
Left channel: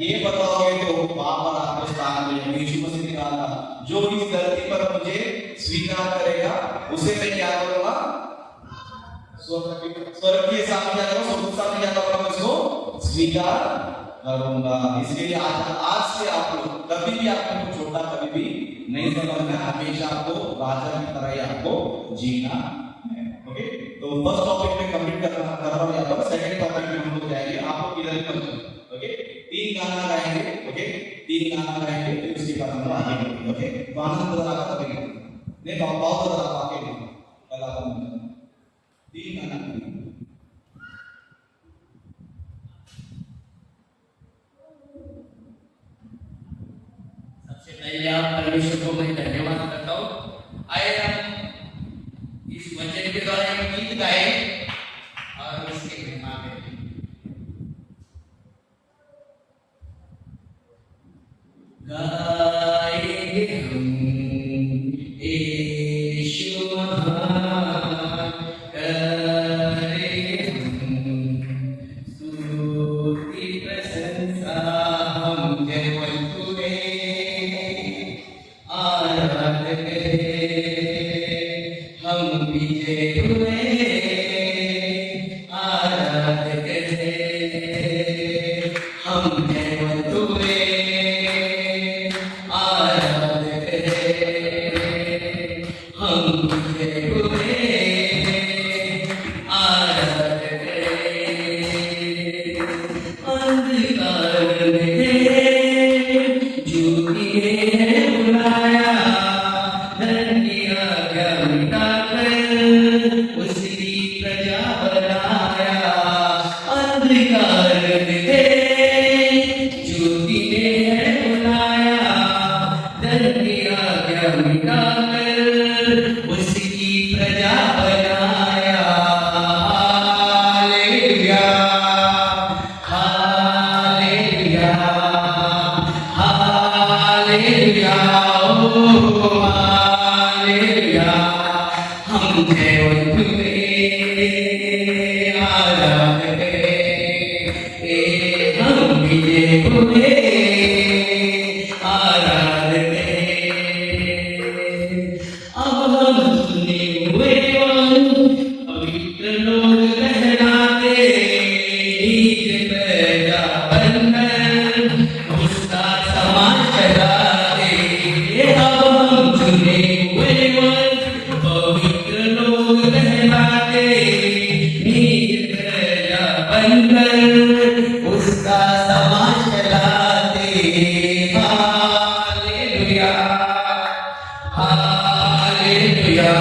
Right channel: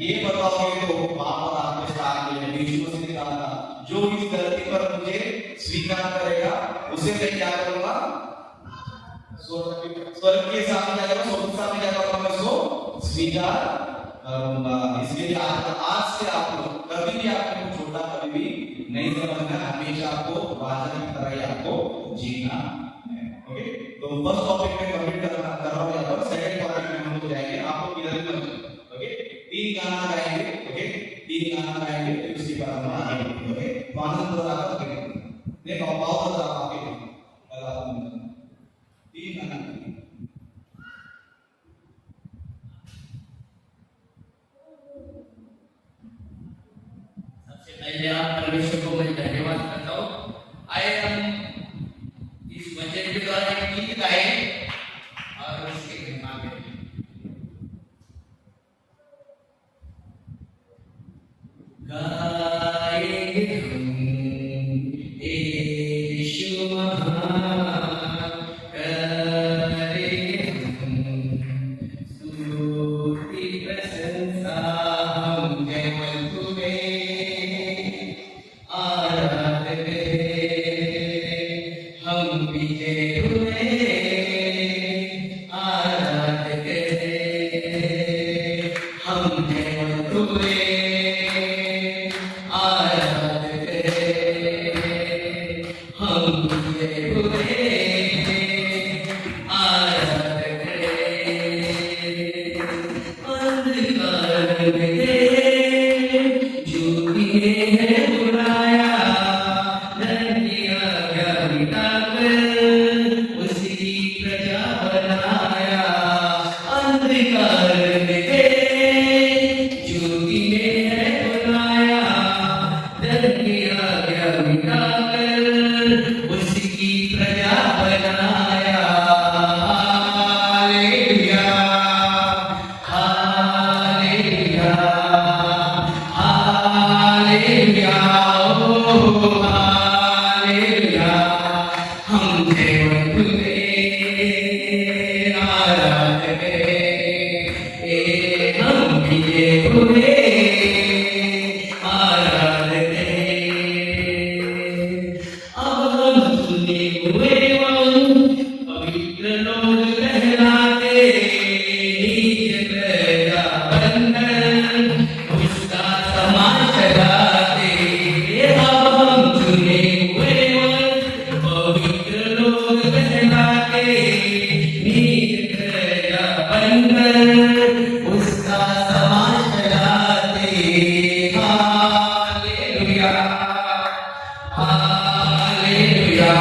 ये बताओगे तो वहां पर आपको स्थान मिलेगा। यीशु मसीह ने कहा था, जो इस धरती पर मुझे स्वीकार करेगा उसे मैं क्या करूंगा? स्वर्ग के सामने क्या करूंगा, स्वर्ग के सामने क्या करूंगा, मैं इसको स्वीकार करूंगा। इसके लिए आज से आप लोग कभी भी आपको छोटा कभी भी नहीं समझना है, हमेशा आपको राजा की तरह ही आपको जीना है। ओके, तो फर्स्ट टॉपिक में कंप्लीट कर रहा हूं यहाँ पर। सेकंड टॉपिक में हम लोग जाएंगे, आप लोग इधर ही मत। ओके, 3 गाना गाएंगे। ओके, 3 गाना गाएंगे, फिर उसके बाद हम आगे बढ़ेंगे। ओके, तो आनंद बजा कर आगे नहीं बहुत बजा आगे 3 गाना। सबसे पहले आप परमेश्वर को मैं धन्यवाद करता हूँ। आए हम इस वचन के द्वारा एक गीत गाए और उसकी महिमा करें। गाएंगे हम यीशु महान, करेंगे हम स्तुति प्रशंसा हम केवल तुम्हें, आराधना करें हम विजय हुए, आराधना करें हम केवल तुम्हें, आराधना करें हम विजय हुए, आराधना करें। अंधकार में ज्योति ने बुलाया, धरती आज्ञा मिटाकर उसकी प्रजा बनाया। अंधकार में ज्योति ने बुलाया, धरती आज्ञा मिटाकर उसकी प्रजा बनाया। हालेलुया, हालेलुया, हालेलुया, ओ हालेलुया। हम केवल तुम्हें आराधना करें, हम विजय हुए, आराधना करें। अब हम सुने हुए पवित्र लोग कहलाते, निज प्रजा बनकर उसका समाज चलाते। अब हम सुने हुए पवित्र लोग कहलाते, निज प्रजा बनकर उसका समाज चलाते। हालेलुया, हालेलुया,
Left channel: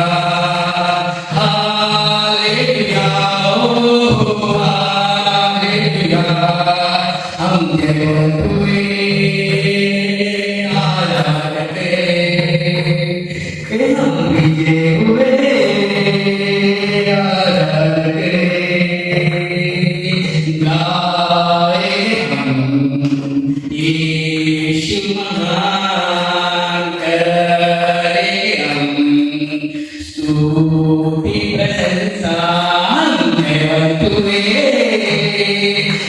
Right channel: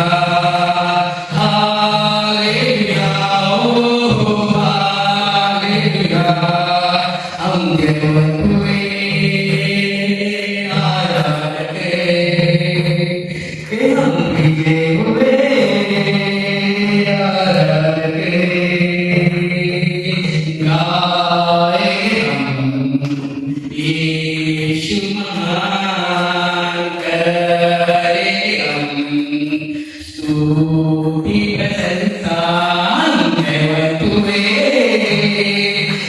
हालेलुया, ओ हालेलुया। हम केवल तुम्हें आराधना करें, हम विजय हुए, आराधना करें। गाए हम यीशु महान, करें हम स्तुति प्रशंसा हम केवल तुम्हें,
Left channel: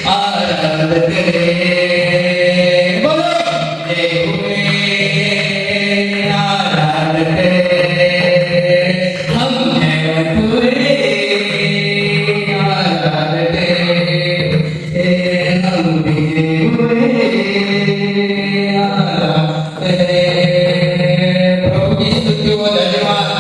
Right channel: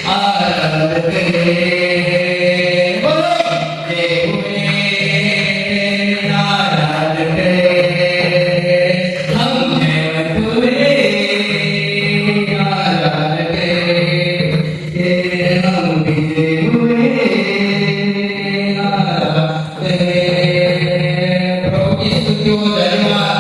आराधना करें। बोलो जय हुए, आराधना करें हम केवल तुम्हें, आराधना करें हम विजय हुए, आराधना करें। प्रभु की स्तुति हो, धन्यवाद।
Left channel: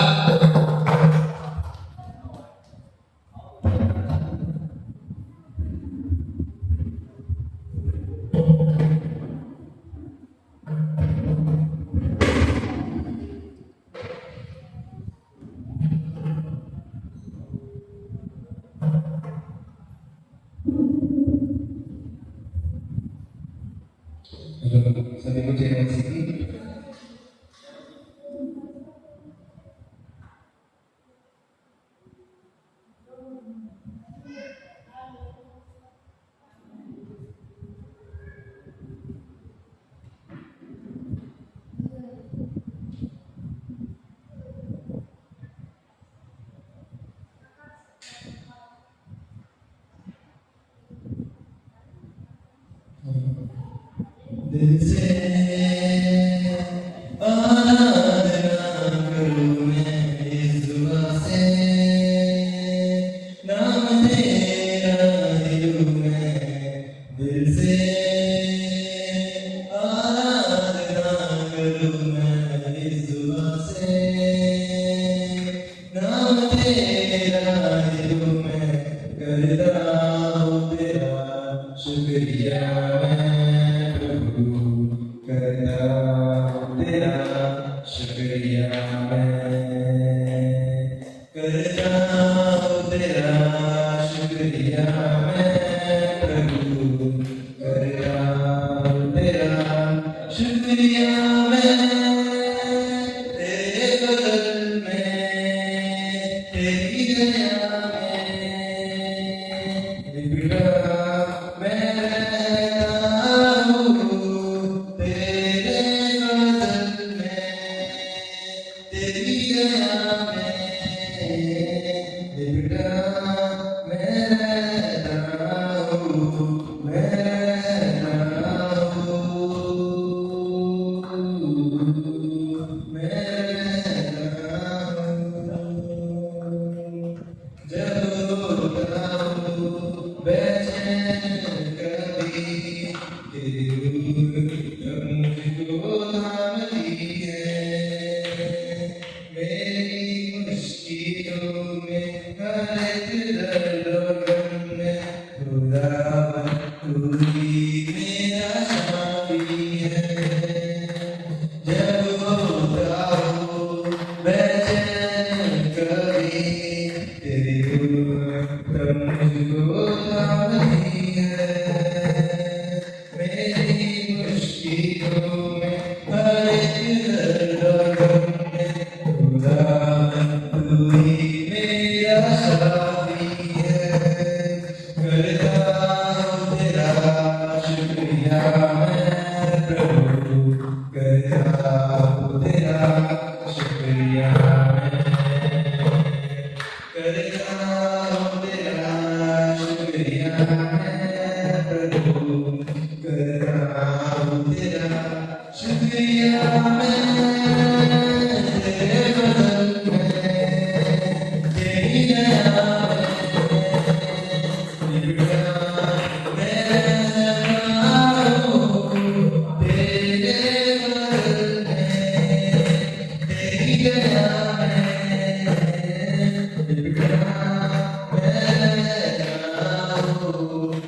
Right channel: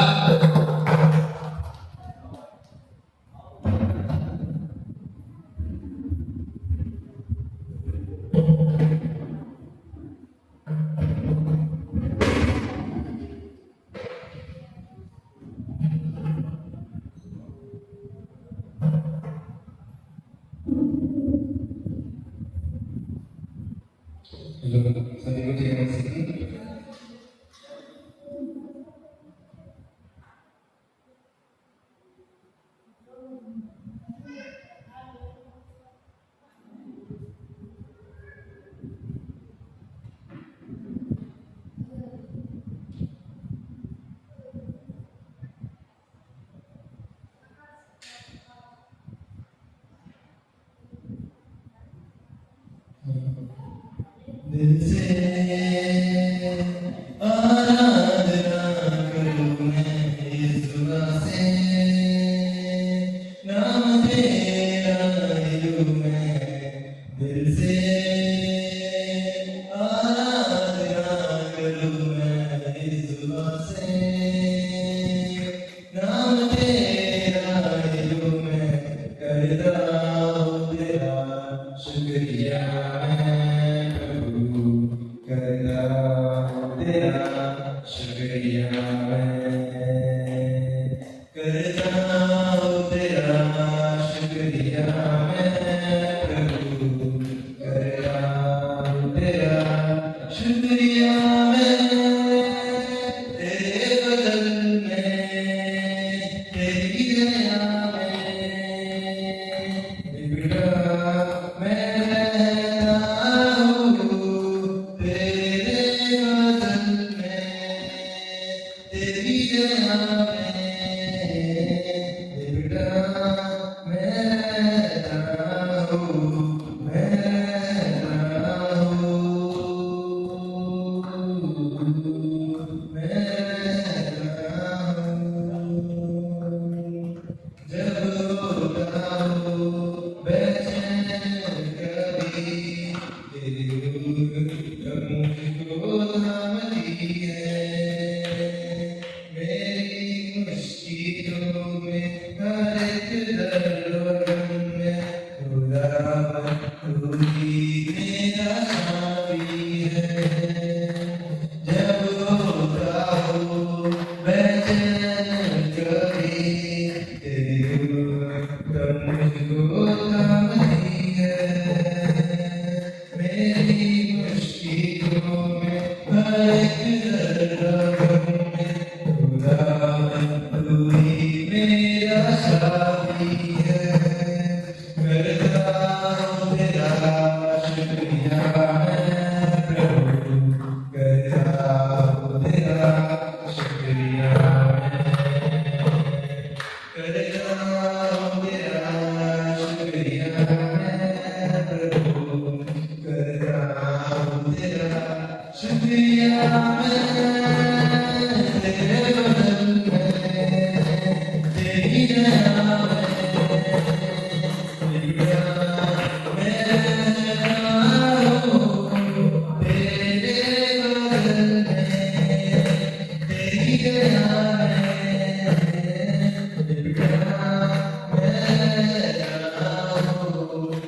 सभी को जय मसीह। दिल से आराधना करूं मैं इस दुआ से, शुक्रिया मैं प्रभु कर रहा हूँ तेरा शुक्रिया मैं तेरे बदल में तेरी दया में बिगड़ा मैं रहता हूँ तेरे बदल में तेरी दया में बिगड़ा मैं रहता हूँ मैं रहता हूँ मैं रहता हूँ जब होता हूँ बेचैन कभी तेरी रूह मुझको थामती है मेरी मुश्किलों में हर एक दर्द में खुदा तू ही मेरा शाफी है जब होता हूँ बेचैन कभी तेरी रूह तब मुझको थामती है मेरी मुश्किलों में हर एक दर्द में खुदा तू ही मेरा साथी है करता हूँ तेरा शुक्रिया मैं प्रभु करता हूँ तेरा शुक्रिया करता हूँ तेरा शुक्रिया मैं प्रभु करता हूँ तेरा शुक्रिया मैं तेरे बदल में तेरी दया में बिगड़ा मैं रहता हूँ तेरे बदल में तेरी दया में बिगड़ा मैं रहता हूँ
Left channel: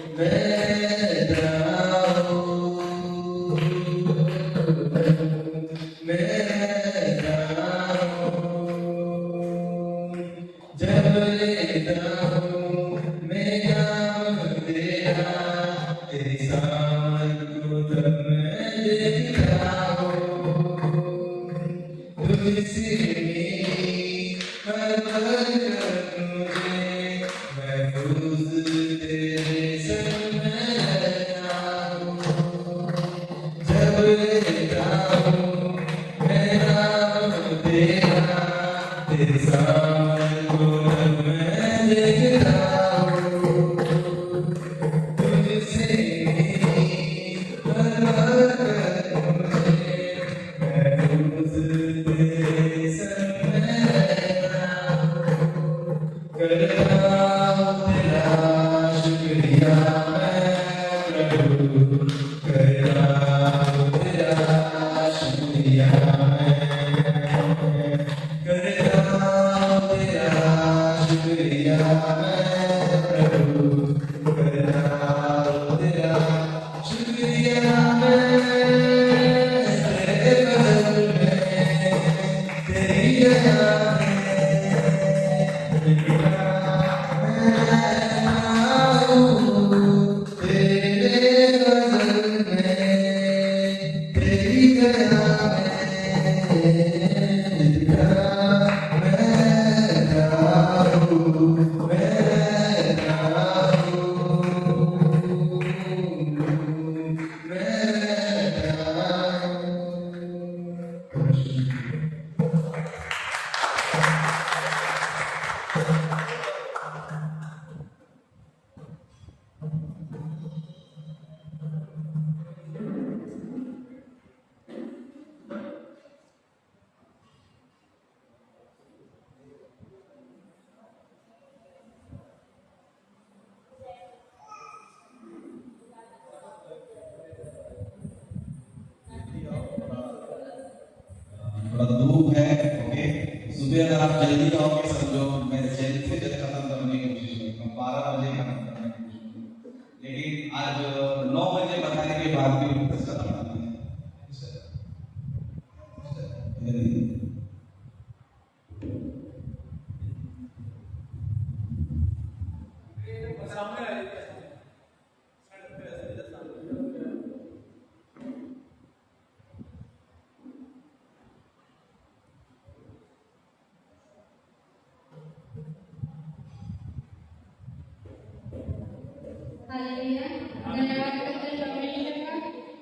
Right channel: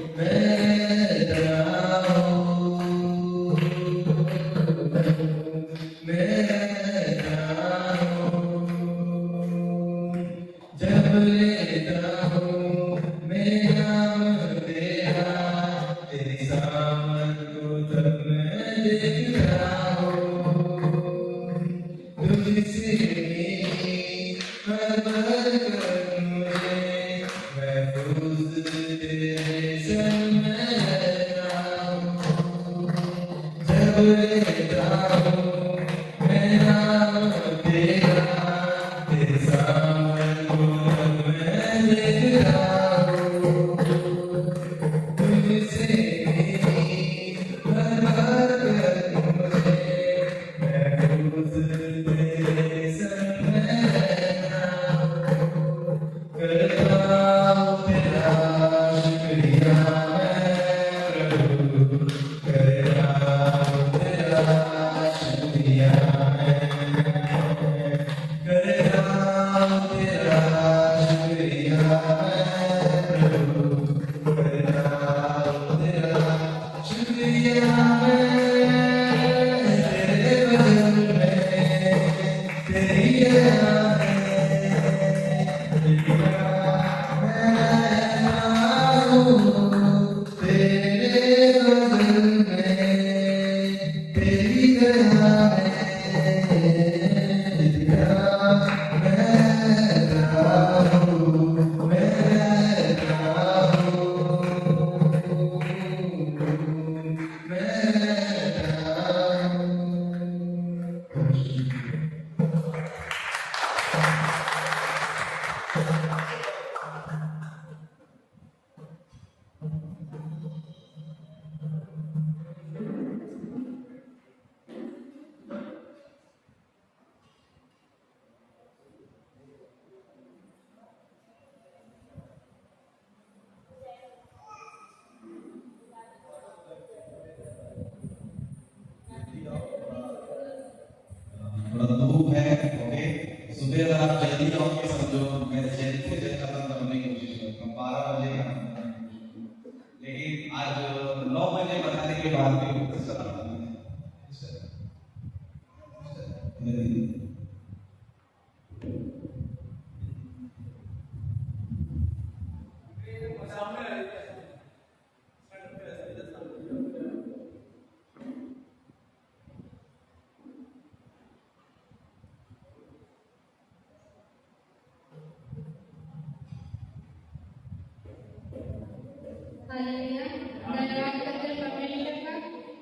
हालेलुया। धन्यवाद करते हैं परमेश्वर का,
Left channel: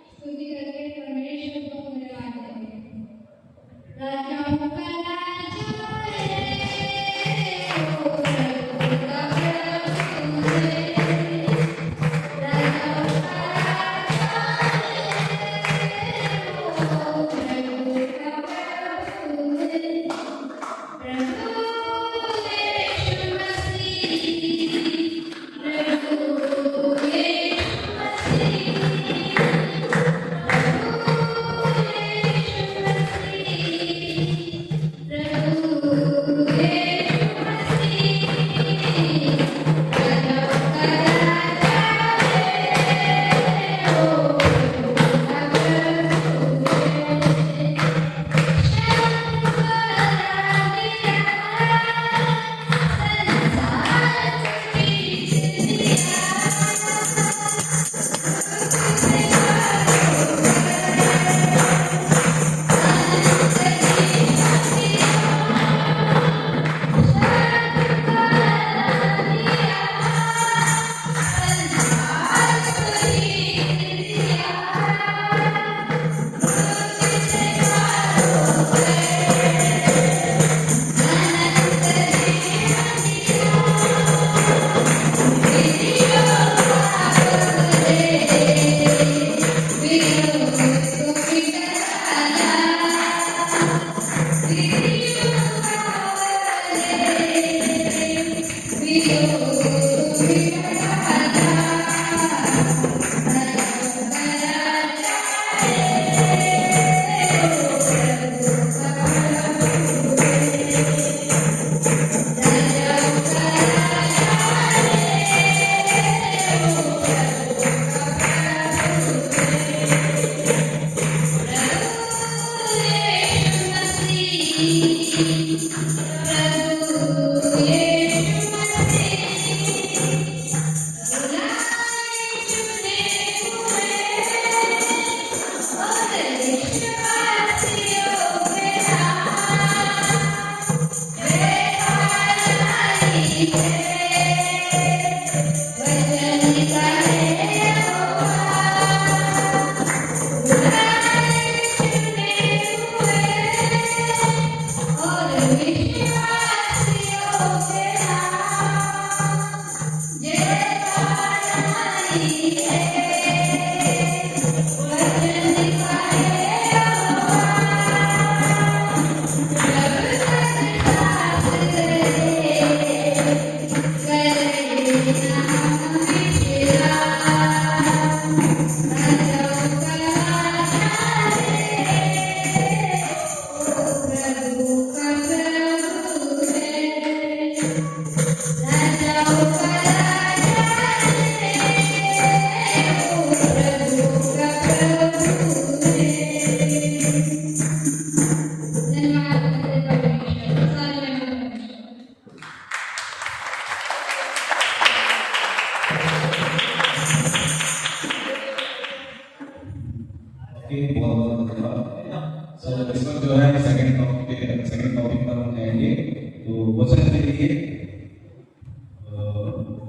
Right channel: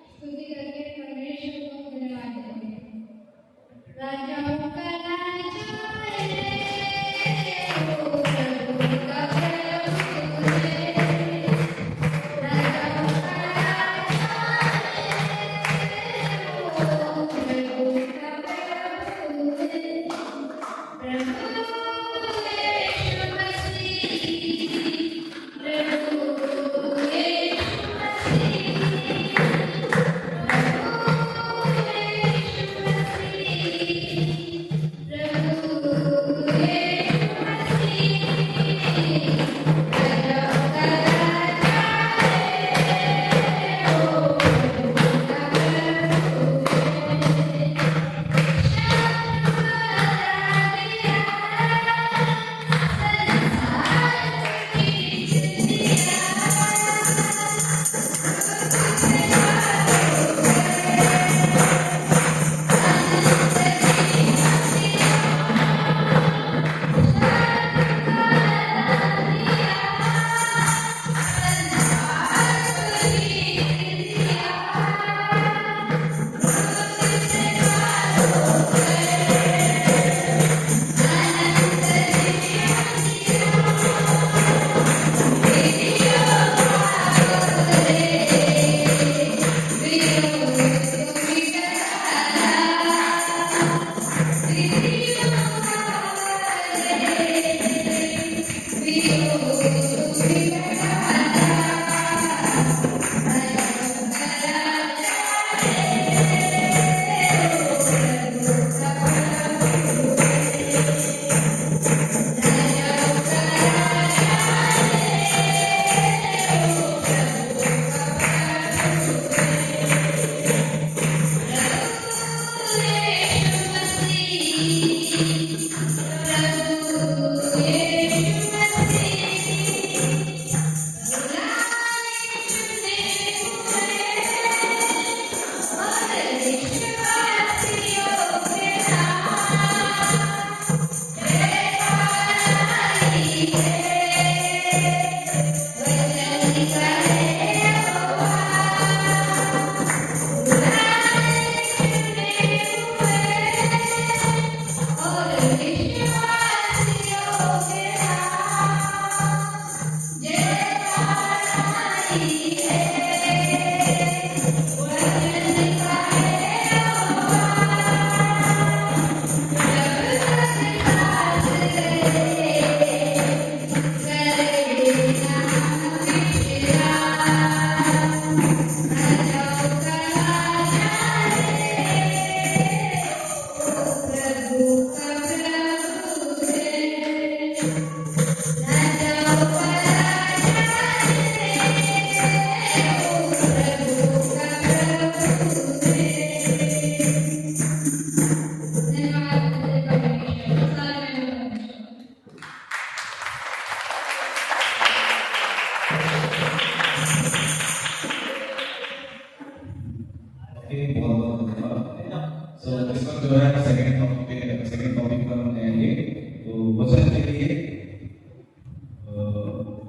स्तुति करके परमेश्वर को धन्यवाद देते हैं। राजाओं का राजा है, ओ प्रभु का प्रभु है। राजाओं का राजा है, ओ प्रभु का प्रभु है। प्रभु यीशु मसीह, प्रभु यीशु मसीह,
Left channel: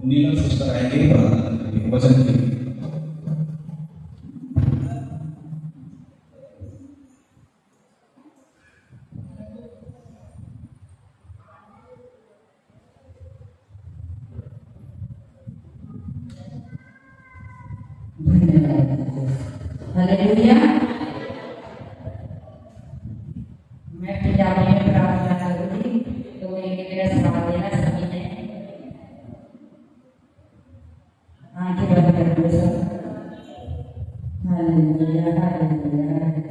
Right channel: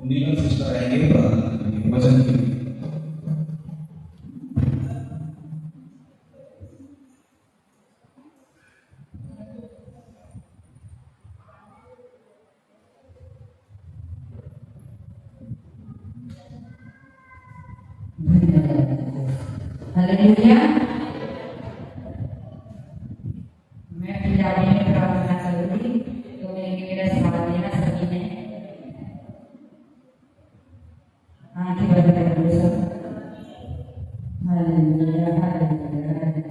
नीलम सिस्टर आएंगे प्रार्थना करेंगे वचन के लिए। हालेलुया। मैं पंजाबी में प्रार्थना करूंगी तो मेरा साथ देना सभी ने आंखें बंद कर लो सब। Hallelujah hallelujah.